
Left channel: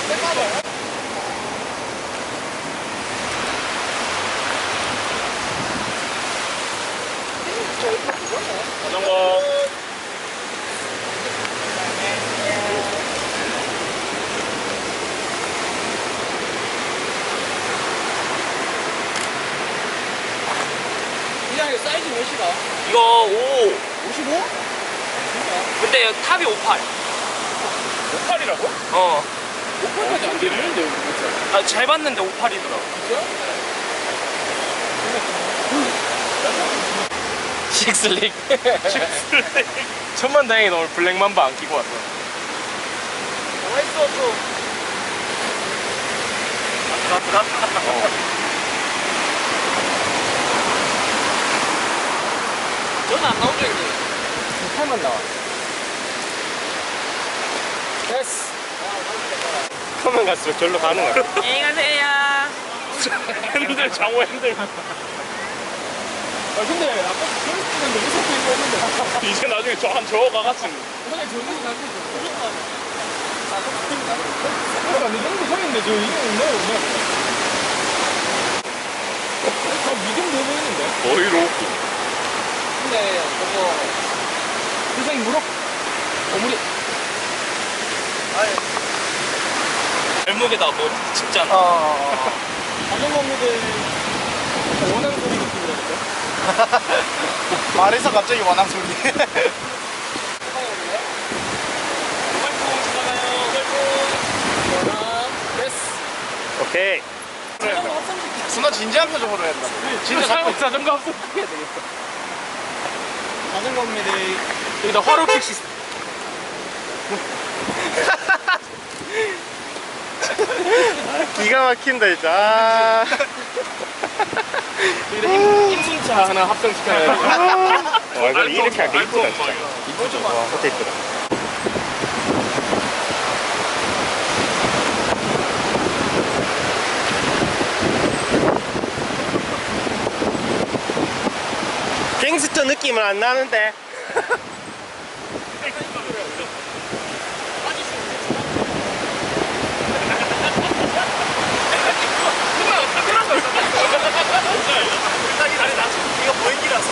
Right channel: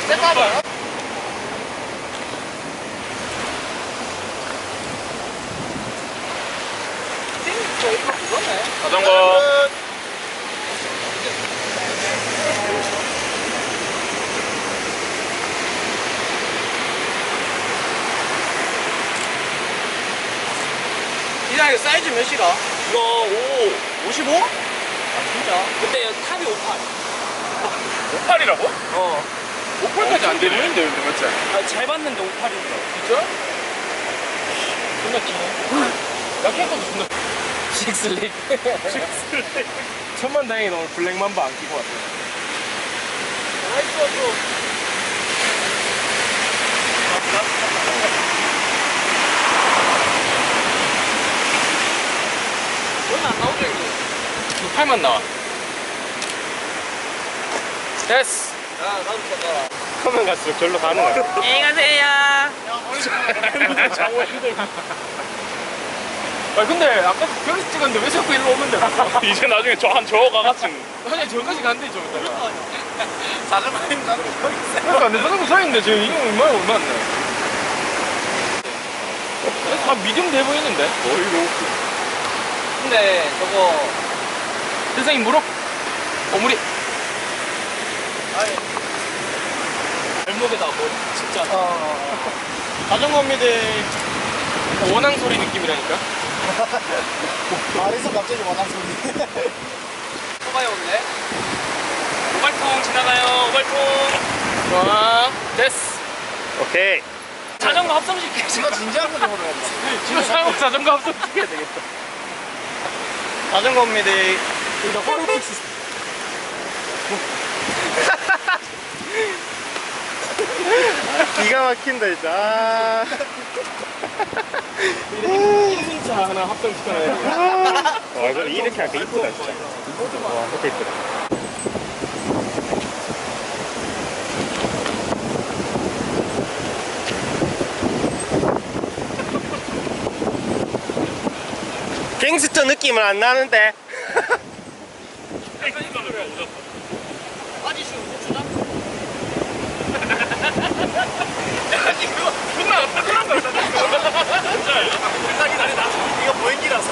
센터가? 자전거 시장에 사이즈 몇이가? 이거 5. 55? 근데 탑이 58. 8이라고? 어. 58까지 안 되는데 여기 맞지? 아, 잘 봤는데 58이더라. 식슬릭. 천만 다행히 오늘 블랙맘바 안 끼고 왔어. 나이스 좀. 너는 안 나오죠 이제? 팔만 나와. 됐어. 크면 갈수록 절로 가는 거야. 안녕히 가세요. 핸들 장어 핸들. 아 근데 아까 결혼 찍었는데 왜 자꾸 일로 오면 돼? 이제 나중에 저 한 저거 가갔음. 아니 저까지 간대 저. 그러니까 내 자전거 사이인데 저 이거 얼마나 다 미디움 돼 보이는데? 거의 로프. 근데 저거 선생님 물어. 어물이. 발목에다 뭐 진짜. 자전거입니다. 원앙 소리 느낌이라니까. 말에서 갑자기 원앙 소리. 뽑아요 원래? 오발통 지나가요. 오발통. 와, 됐어. 오케이. 자전거 합성시켜. 존나 진지한 표정으로 했다. 진짜 자전거 합성 시켜야 되겠다. 자전거입니다. 여기다 화로킥 시스템. 기가 막힌다 진짜. 아. 여기다 인순차 하나 합성 시켜야 돼. 근데 이렇게 하니까 이쁘다 진짜. 이쁘죠. 와, 진짜 이쁘다. 갱스터 느낌은 안 나는데. 이거 보행기라서.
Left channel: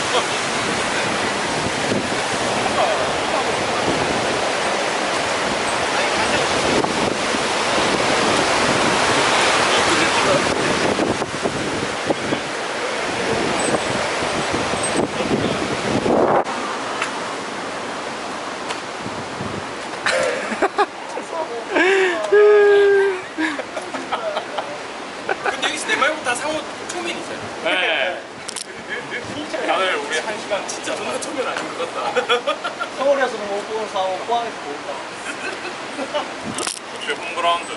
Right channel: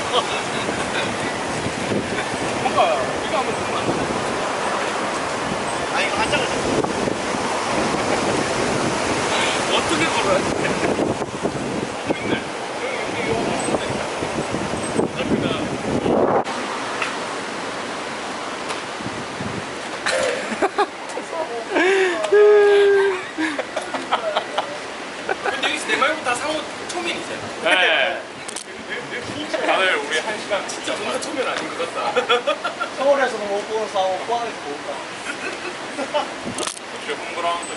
아 이거 한 장을 어떻게 걸어요? 근데 여기서 내 말고 다 상호 초면이세요? 네. 다들 우리 1시간 진짜 존나 초면 아닌 것 같다. 서울에서는 못 보는 사고 포항에서 본다. 역시 홈그라운드.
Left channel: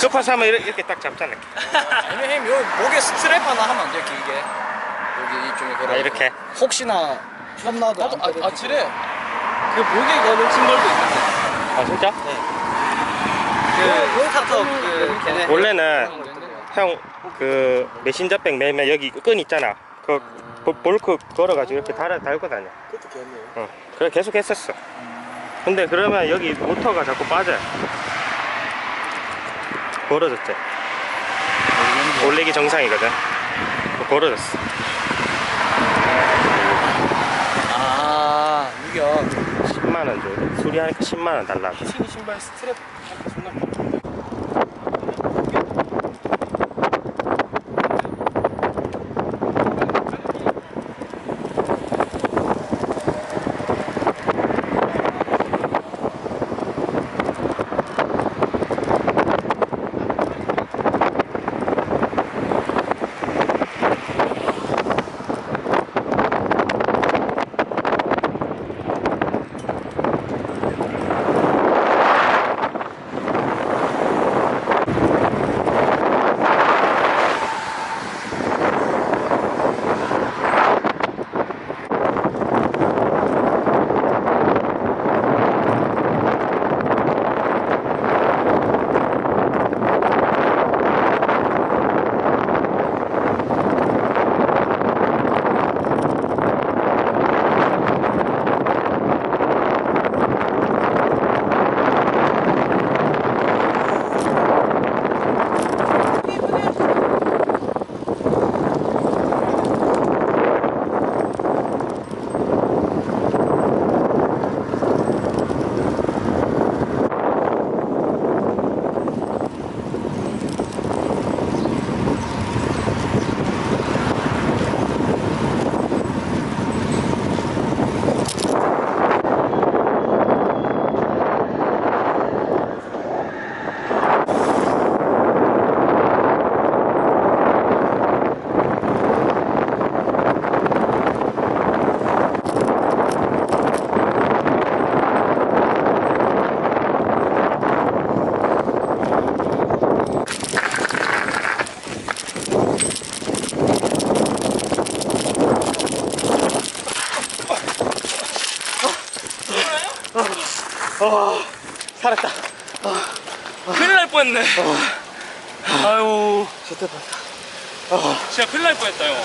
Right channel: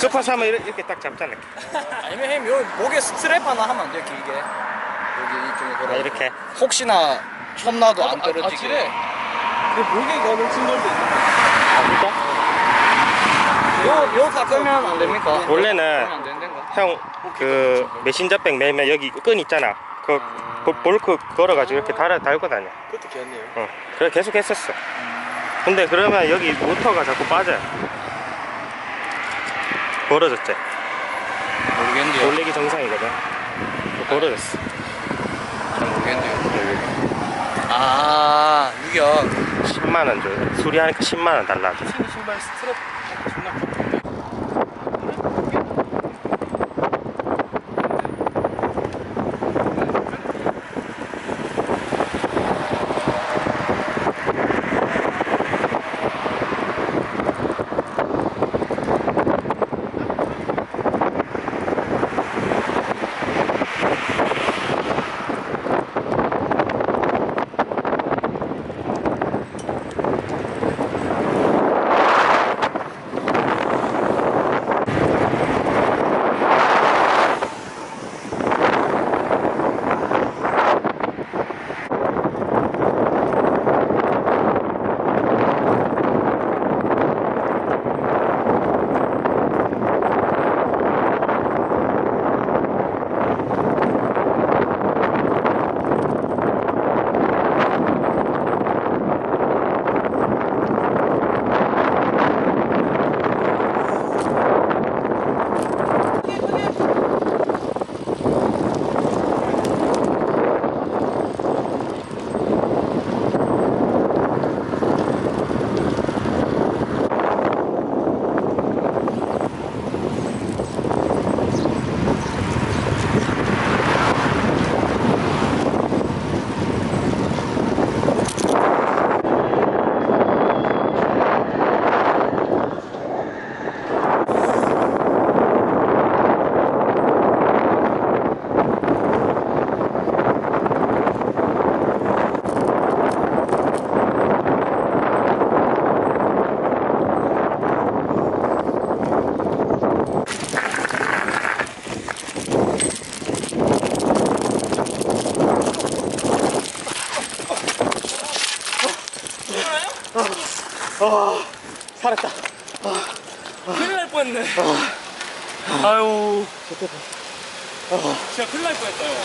급파서 하면 이렇게 딱 잡잖아. 아니면 형님 여기 목에 스트랩 하나 하면 안 돼요 길게? 여기 이쪽에 걸어. 아, 이렇게. 혹시나 험나도 안 떨어지게. 아치래. 그 목에 거는 심벌도 있다. 아 진짜? 요 닦으면 안 됩니까? 원래는 안 되는 거. 형 그 메신저백 매면 여기 끈 있잖아. 그 볼크 걸어가지고 이렇게 달고 다녀. 그것도 괜찮네요. 응. 그래 계속 했었어. 근데 그러면 여기 모터가 자꾸 빠져요. 벌어졌지? 올리기 정상이거든. 벌어졌어. 아, 유격. 10만원 줘. 수리하니까 10만원 달라. 신 신발 스트랩 할때 존나 좋던데. 살았다. 큰일 날 뻔했네. 아유. 진짜 큰일 날 뻔했다, 형.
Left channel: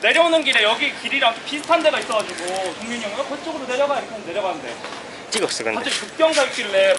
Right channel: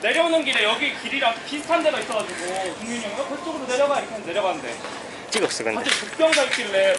내려오는 길에 여기 길이랑 비슷한 데가 있어가지고 동민이 형이 그쪽으로 내려가 이렇게 하면 내려가는데 찍었어 근데. 갑자기 국경사 있길래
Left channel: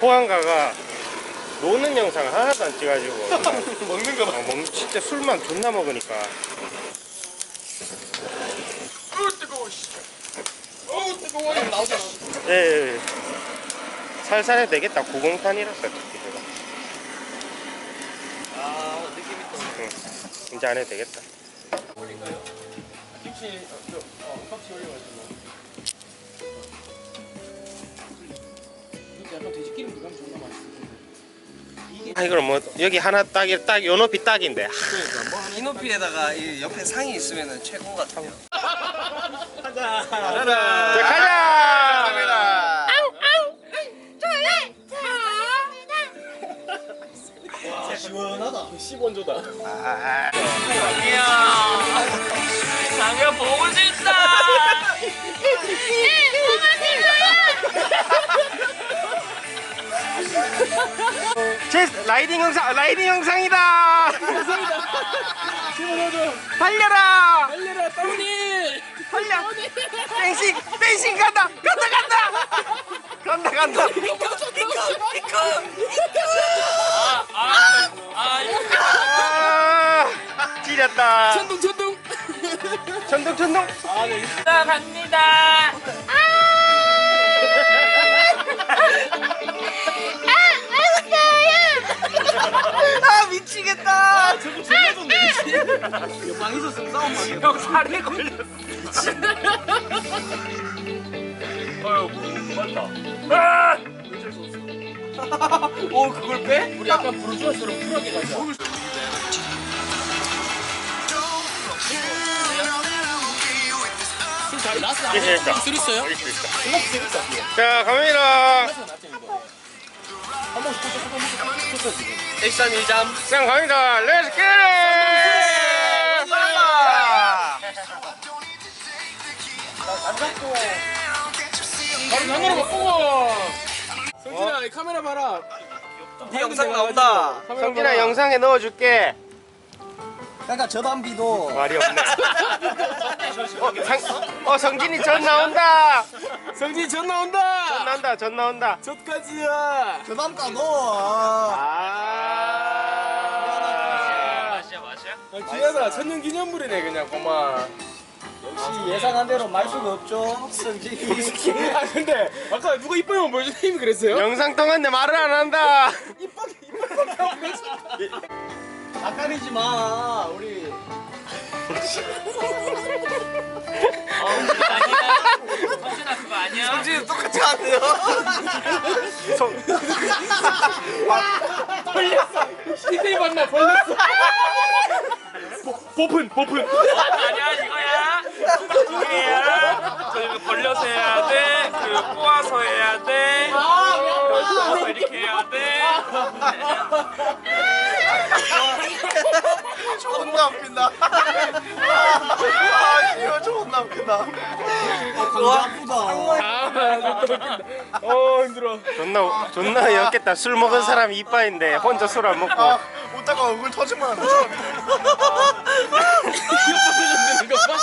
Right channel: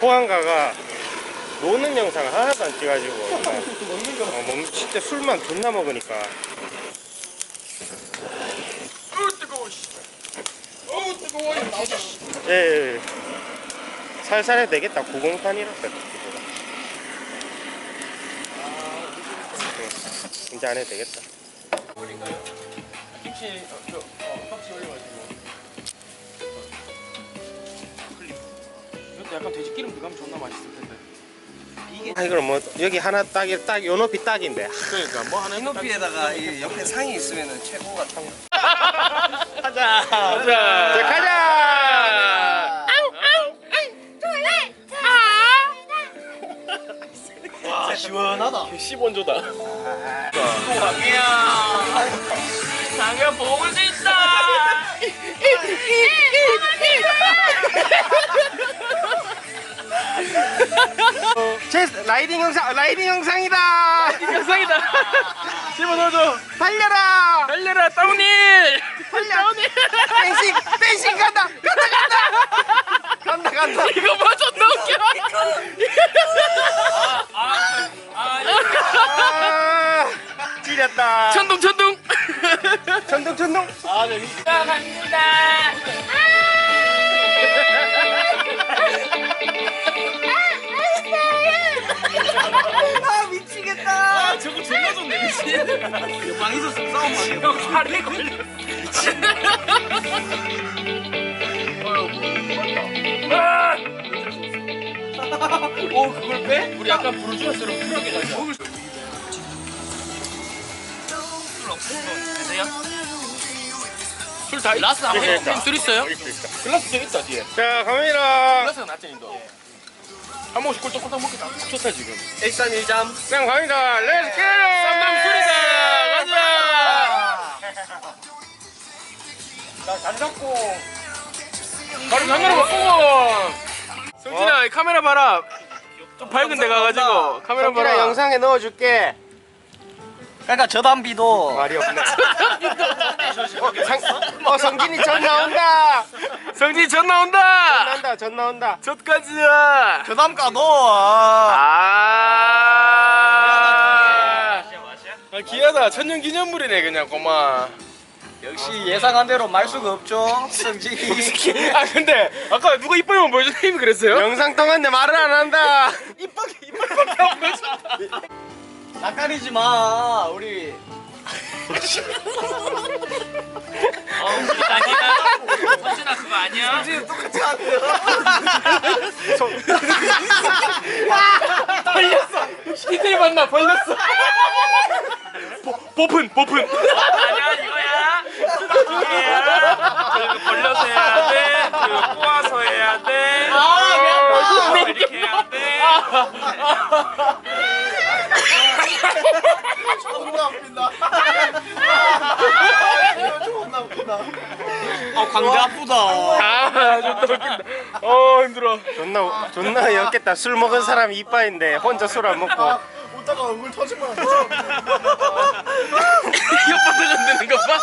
호안가가 노는 영상을 하나도 안 찍어가지고 먹는 거 진짜 술만 존나 먹으니까. 뜨거워 씨. 어우 뜨거워 이거 나오잖아. 예. 살살 해도 되겠다. 90탄이라서 이제 안 해도 되겠다. 올릴까요? 김치 섭씨 올려가지고. 이것도 약간 돼지 기름 들어가면 존나 맛있을 텐데. 아 이걸 뭐 여기 하나 딱 요 높이 딱인데. 그러니까 뭐 하나 이 높이에다가 이 옆에 상이 있으면 최고 같아요. 가자. 자 가자. 와 시원하다. 10원조다. 장이야. 장이야 보고 싶다. 제 라이딩 영상이다. 영상이다. 집어넣어줘. 달려라. 달려라 따훈이. 달려. 댄싱 간다. 간다. 이거 맞아 너무 웃겨. 찌렸다. 천둥. 천둥. 갑니다. 아 미치겠다. 저거 존나 좋네 미친. 방 있었으면 싸움 방이야. 형 살이 걸렸어. 오 그걸 빼? 우리 약간 부르주아처럼 쿨하게 가자. 술다 라스 안 먹어. 술 있어요? 글라스 있어 뒤에. 자 갑니다. 글라스가 낫지 너. 한 번씩 꼴쩍 먹고 좋다 지금. 1313. 자 갑니다. 렛츠 겟. 안 잡고. 바로 장난을 먹고. 성진아 이 카메라 봐라. 좀 밝은 데 가가지고 카메라 성진아 봐라. 영상에 넣어줄게. 그러니까 저담비도 말이 없네. 성진이 전 나온다. 성진 전 나온다. 전 나온다. 젖까지야. 저담가 넣어. 기하다. 천년기념물이네 그냥 고마. 역시 예상한 대로 말 수가 없죠. 성진이. 아 근데 아까 누가 이빨만 보여준 힘이 그랬어요? 영상 통화인데 말을 안 한다. 이빨밖에 안 보였어. 낯가리지 마. 우리. 성진아 그거 아니야? 성진이 똑같이 하네요. 히데이 만나 벌렸어. 보픈. 아니야 이거야. 이게야. 저 이거 벌려서 해야 돼. 그 꼬아서 해야 돼. 이렇게 해야 돼. 존나 웃긴다. 이거 존나 웃긴다. 광대 아프다. 좋다 웃긴다. 힘들어. 존나 어이없겠다. 술 먹은 사람 이빠인데 혼자 술 안 먹고. 웃다가 얼굴 터지면 안 돼. 옆에서 건드는 거 봐.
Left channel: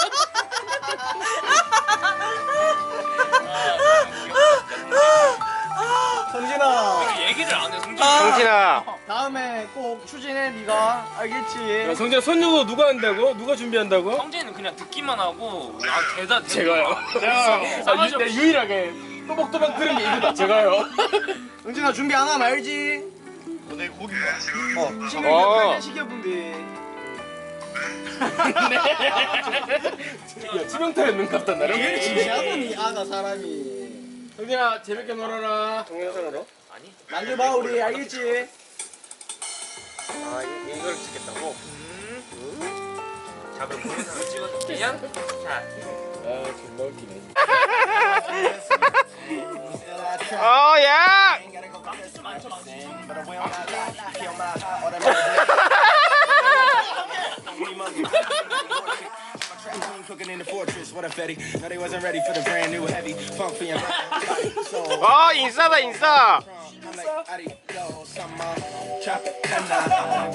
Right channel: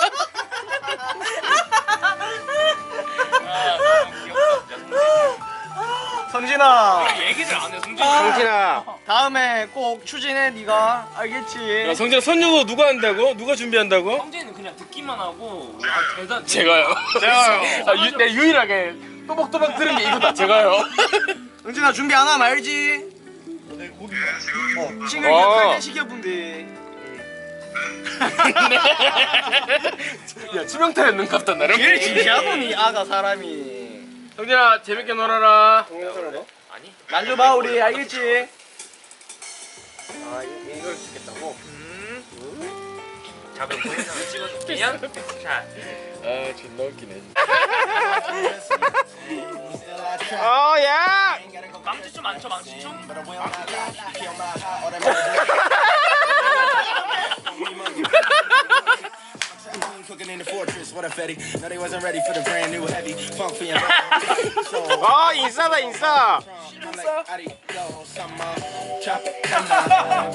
성진아. 얘기를 안 해. 성진아. 다음에 꼭 추진해 네가. 알겠지? 성진아 선유도 누가 한다고? 누가 준비한다고? 성재는 그냥 듣기만 하고 대단 제가요. 내 유일하게 또박또박 들은 게 이거다. 제가요. 성진아 준비 안 하면 알지? 내 고기. 싱글 어. 탈때 시켜본대. 야 치명타였는 것 같다 나름. 제일 진지하더니 아가 사람이. 성진아 재밌게 놀아라. 동영상으로? 만져봐 우리 알겠지? 아 이걸 찍겠다고? 자 그럼 동영상을 찍어줄게요. 자 존나 웃기네. 야! 망치 좀 안 쳐 망치 좀. Cooking in the fortress, what a fetty. No, they wasn't ready for the brand new heavy funk for your so 인싸다 인싸. I'm like, adios, I'm chop it, come down,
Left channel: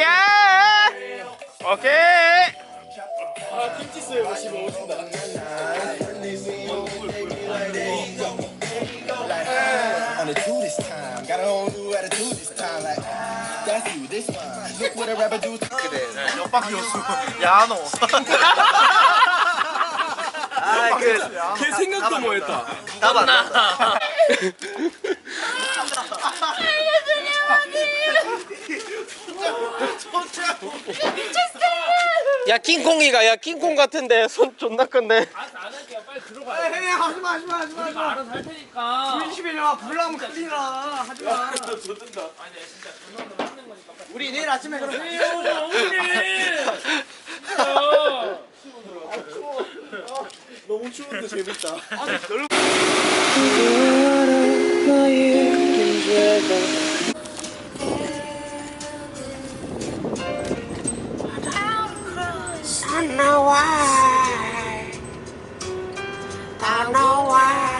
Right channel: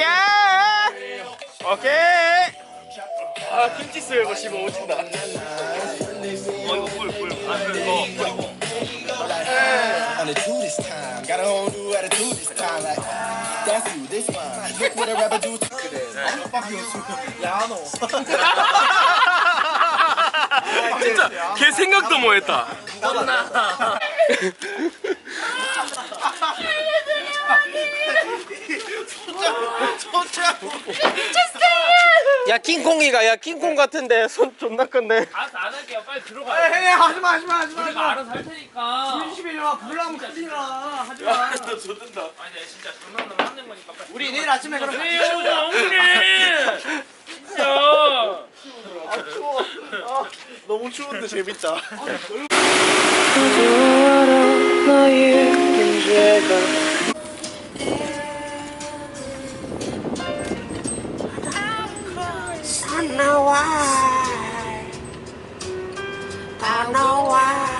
야! 오케이. 아 김치 썰고 씹어 오신다. on the two this time. Got a whole new attitude this time. Like, that's you, this one. Look what a rapper do. 야 너. 걔 생각도 못했다. 나 야 킹콩이가 야 킹콩 같은데 손 존나 큰데. 알아서 안 할게요. 빨리 들어가. 헤이 하지마. 우리가 알아서 할 테니까. 21년 불나면 큰일 나. 하지마. 아니 내가 진짜 존나 하는 거니까 빨리. 우리 내일 아침에 그럼. 왜요, 정신? 너무 추운데 재밌다. Don't know why. Don't know why.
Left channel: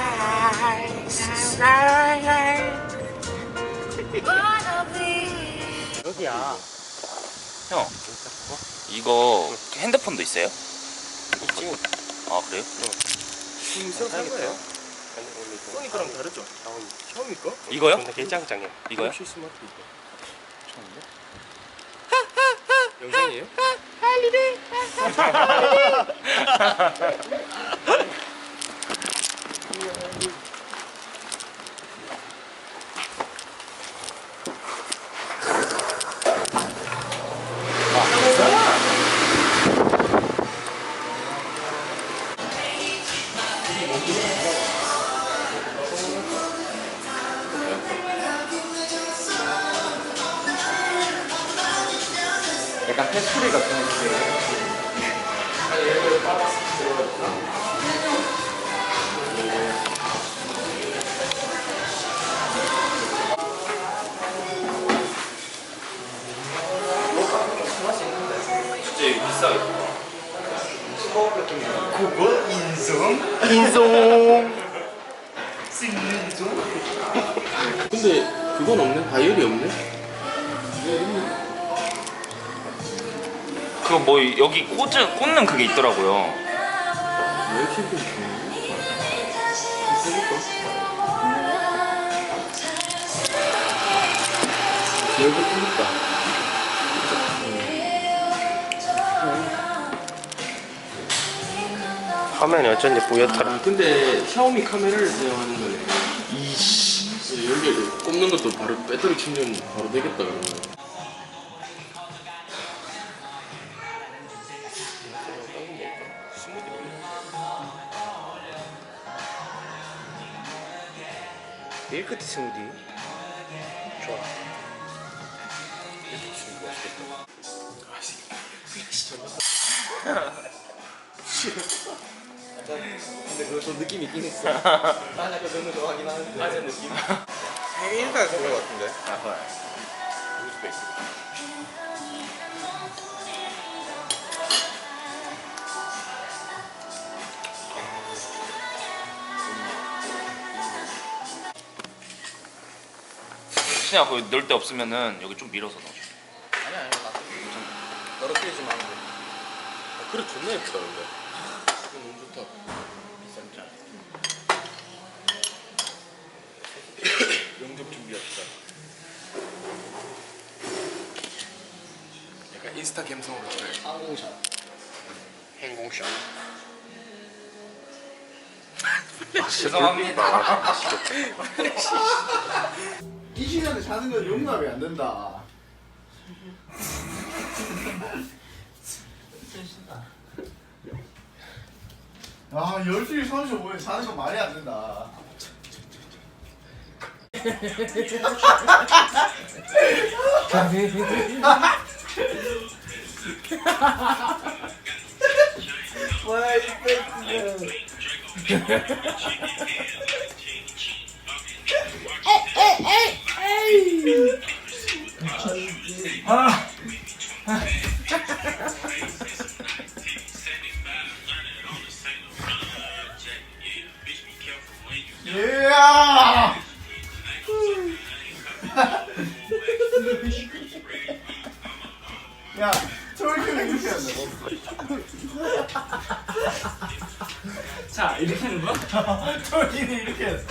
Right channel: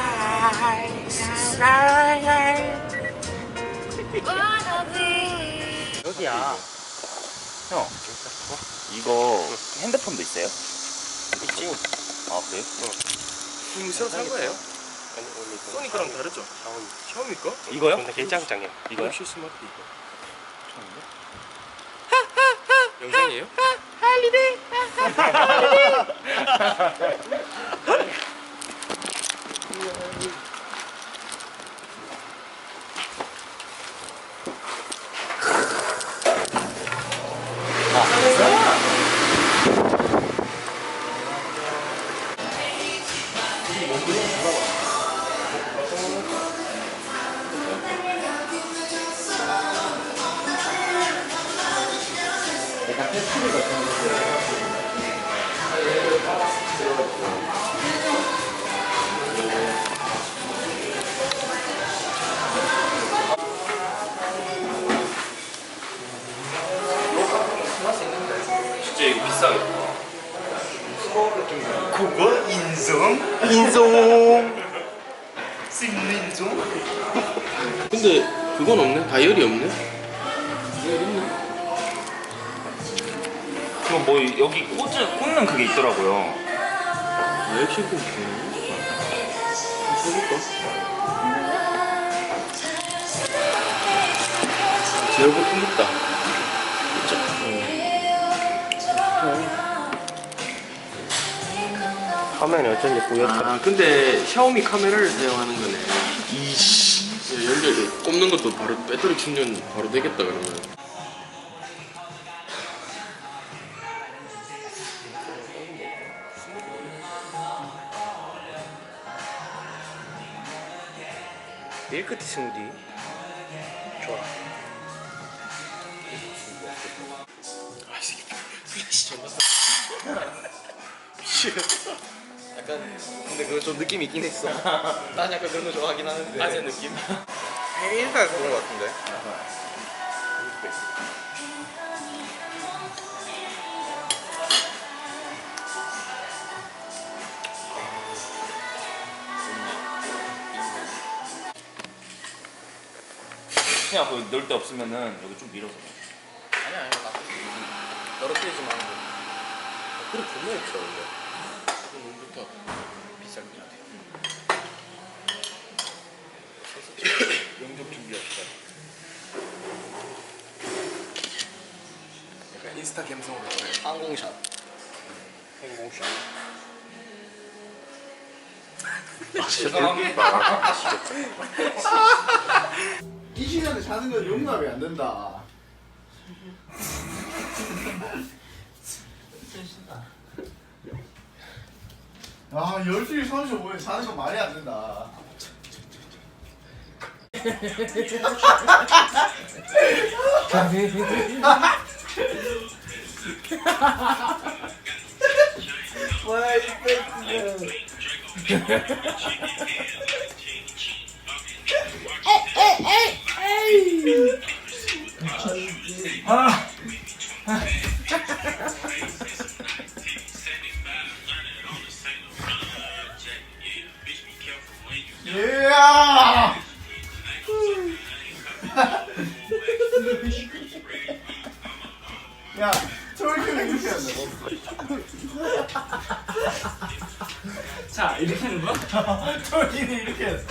여기야. 형 이거 핸드폰도 있어요? 있지. 아 그래요? 지금 새로 산 거예요? 아니 원래 소니 거랑 다르죠? 샤오미 거? 이거요? 근데 개짱짱해. 이거요? 혹시 스마트 이거 영상이에요? 약간 페스티벌 같은 거. 진짜 이거 비싸겠다. 그거 인성? 근데 그건 없네? 다이얼이 없네? 그거 뭐 여기 꽂는 그게 있더라고요. 왜 이렇게 있지? 써볼까? 제일부터 생겼다. 화면이 어쩐지 뿌옇더라. 아 근데 샤오미 카메라를 사용하는 거네. 이씨. 연결 꼽는 것도 바로 배터리 충전 바로 되겠다 그러면. 밀크티 스무디. 좋아. 근데 그거 좀 느낌 있긴 했어. 난 약간 그런 거 좋아하긴 하는데. 맞은 느낌? 인스타에서 본 거 같은데. 그냥 그 넣을 데 없으면은 여기 좀 밀어서 넣어. 아니야, 떨어뜨리지 마. 그래 존나 예쁘다 근데. 이거 너무 좋다. 비싼 게 아니야. 영접 준비합시다. 약간 인스타 감성으로 그래. 항공샷. 행공샷. 죄송합니다. 이 시간에 자는 건 용납이 안 된다. 아, 12시 35분에 자는 건 말이 안 된다. 와, 이 뺏기네. 야! 야, 저렇게는 이렇게 한다고? 자 이렇게 하는 거야? 저렇게는 이렇게 했어.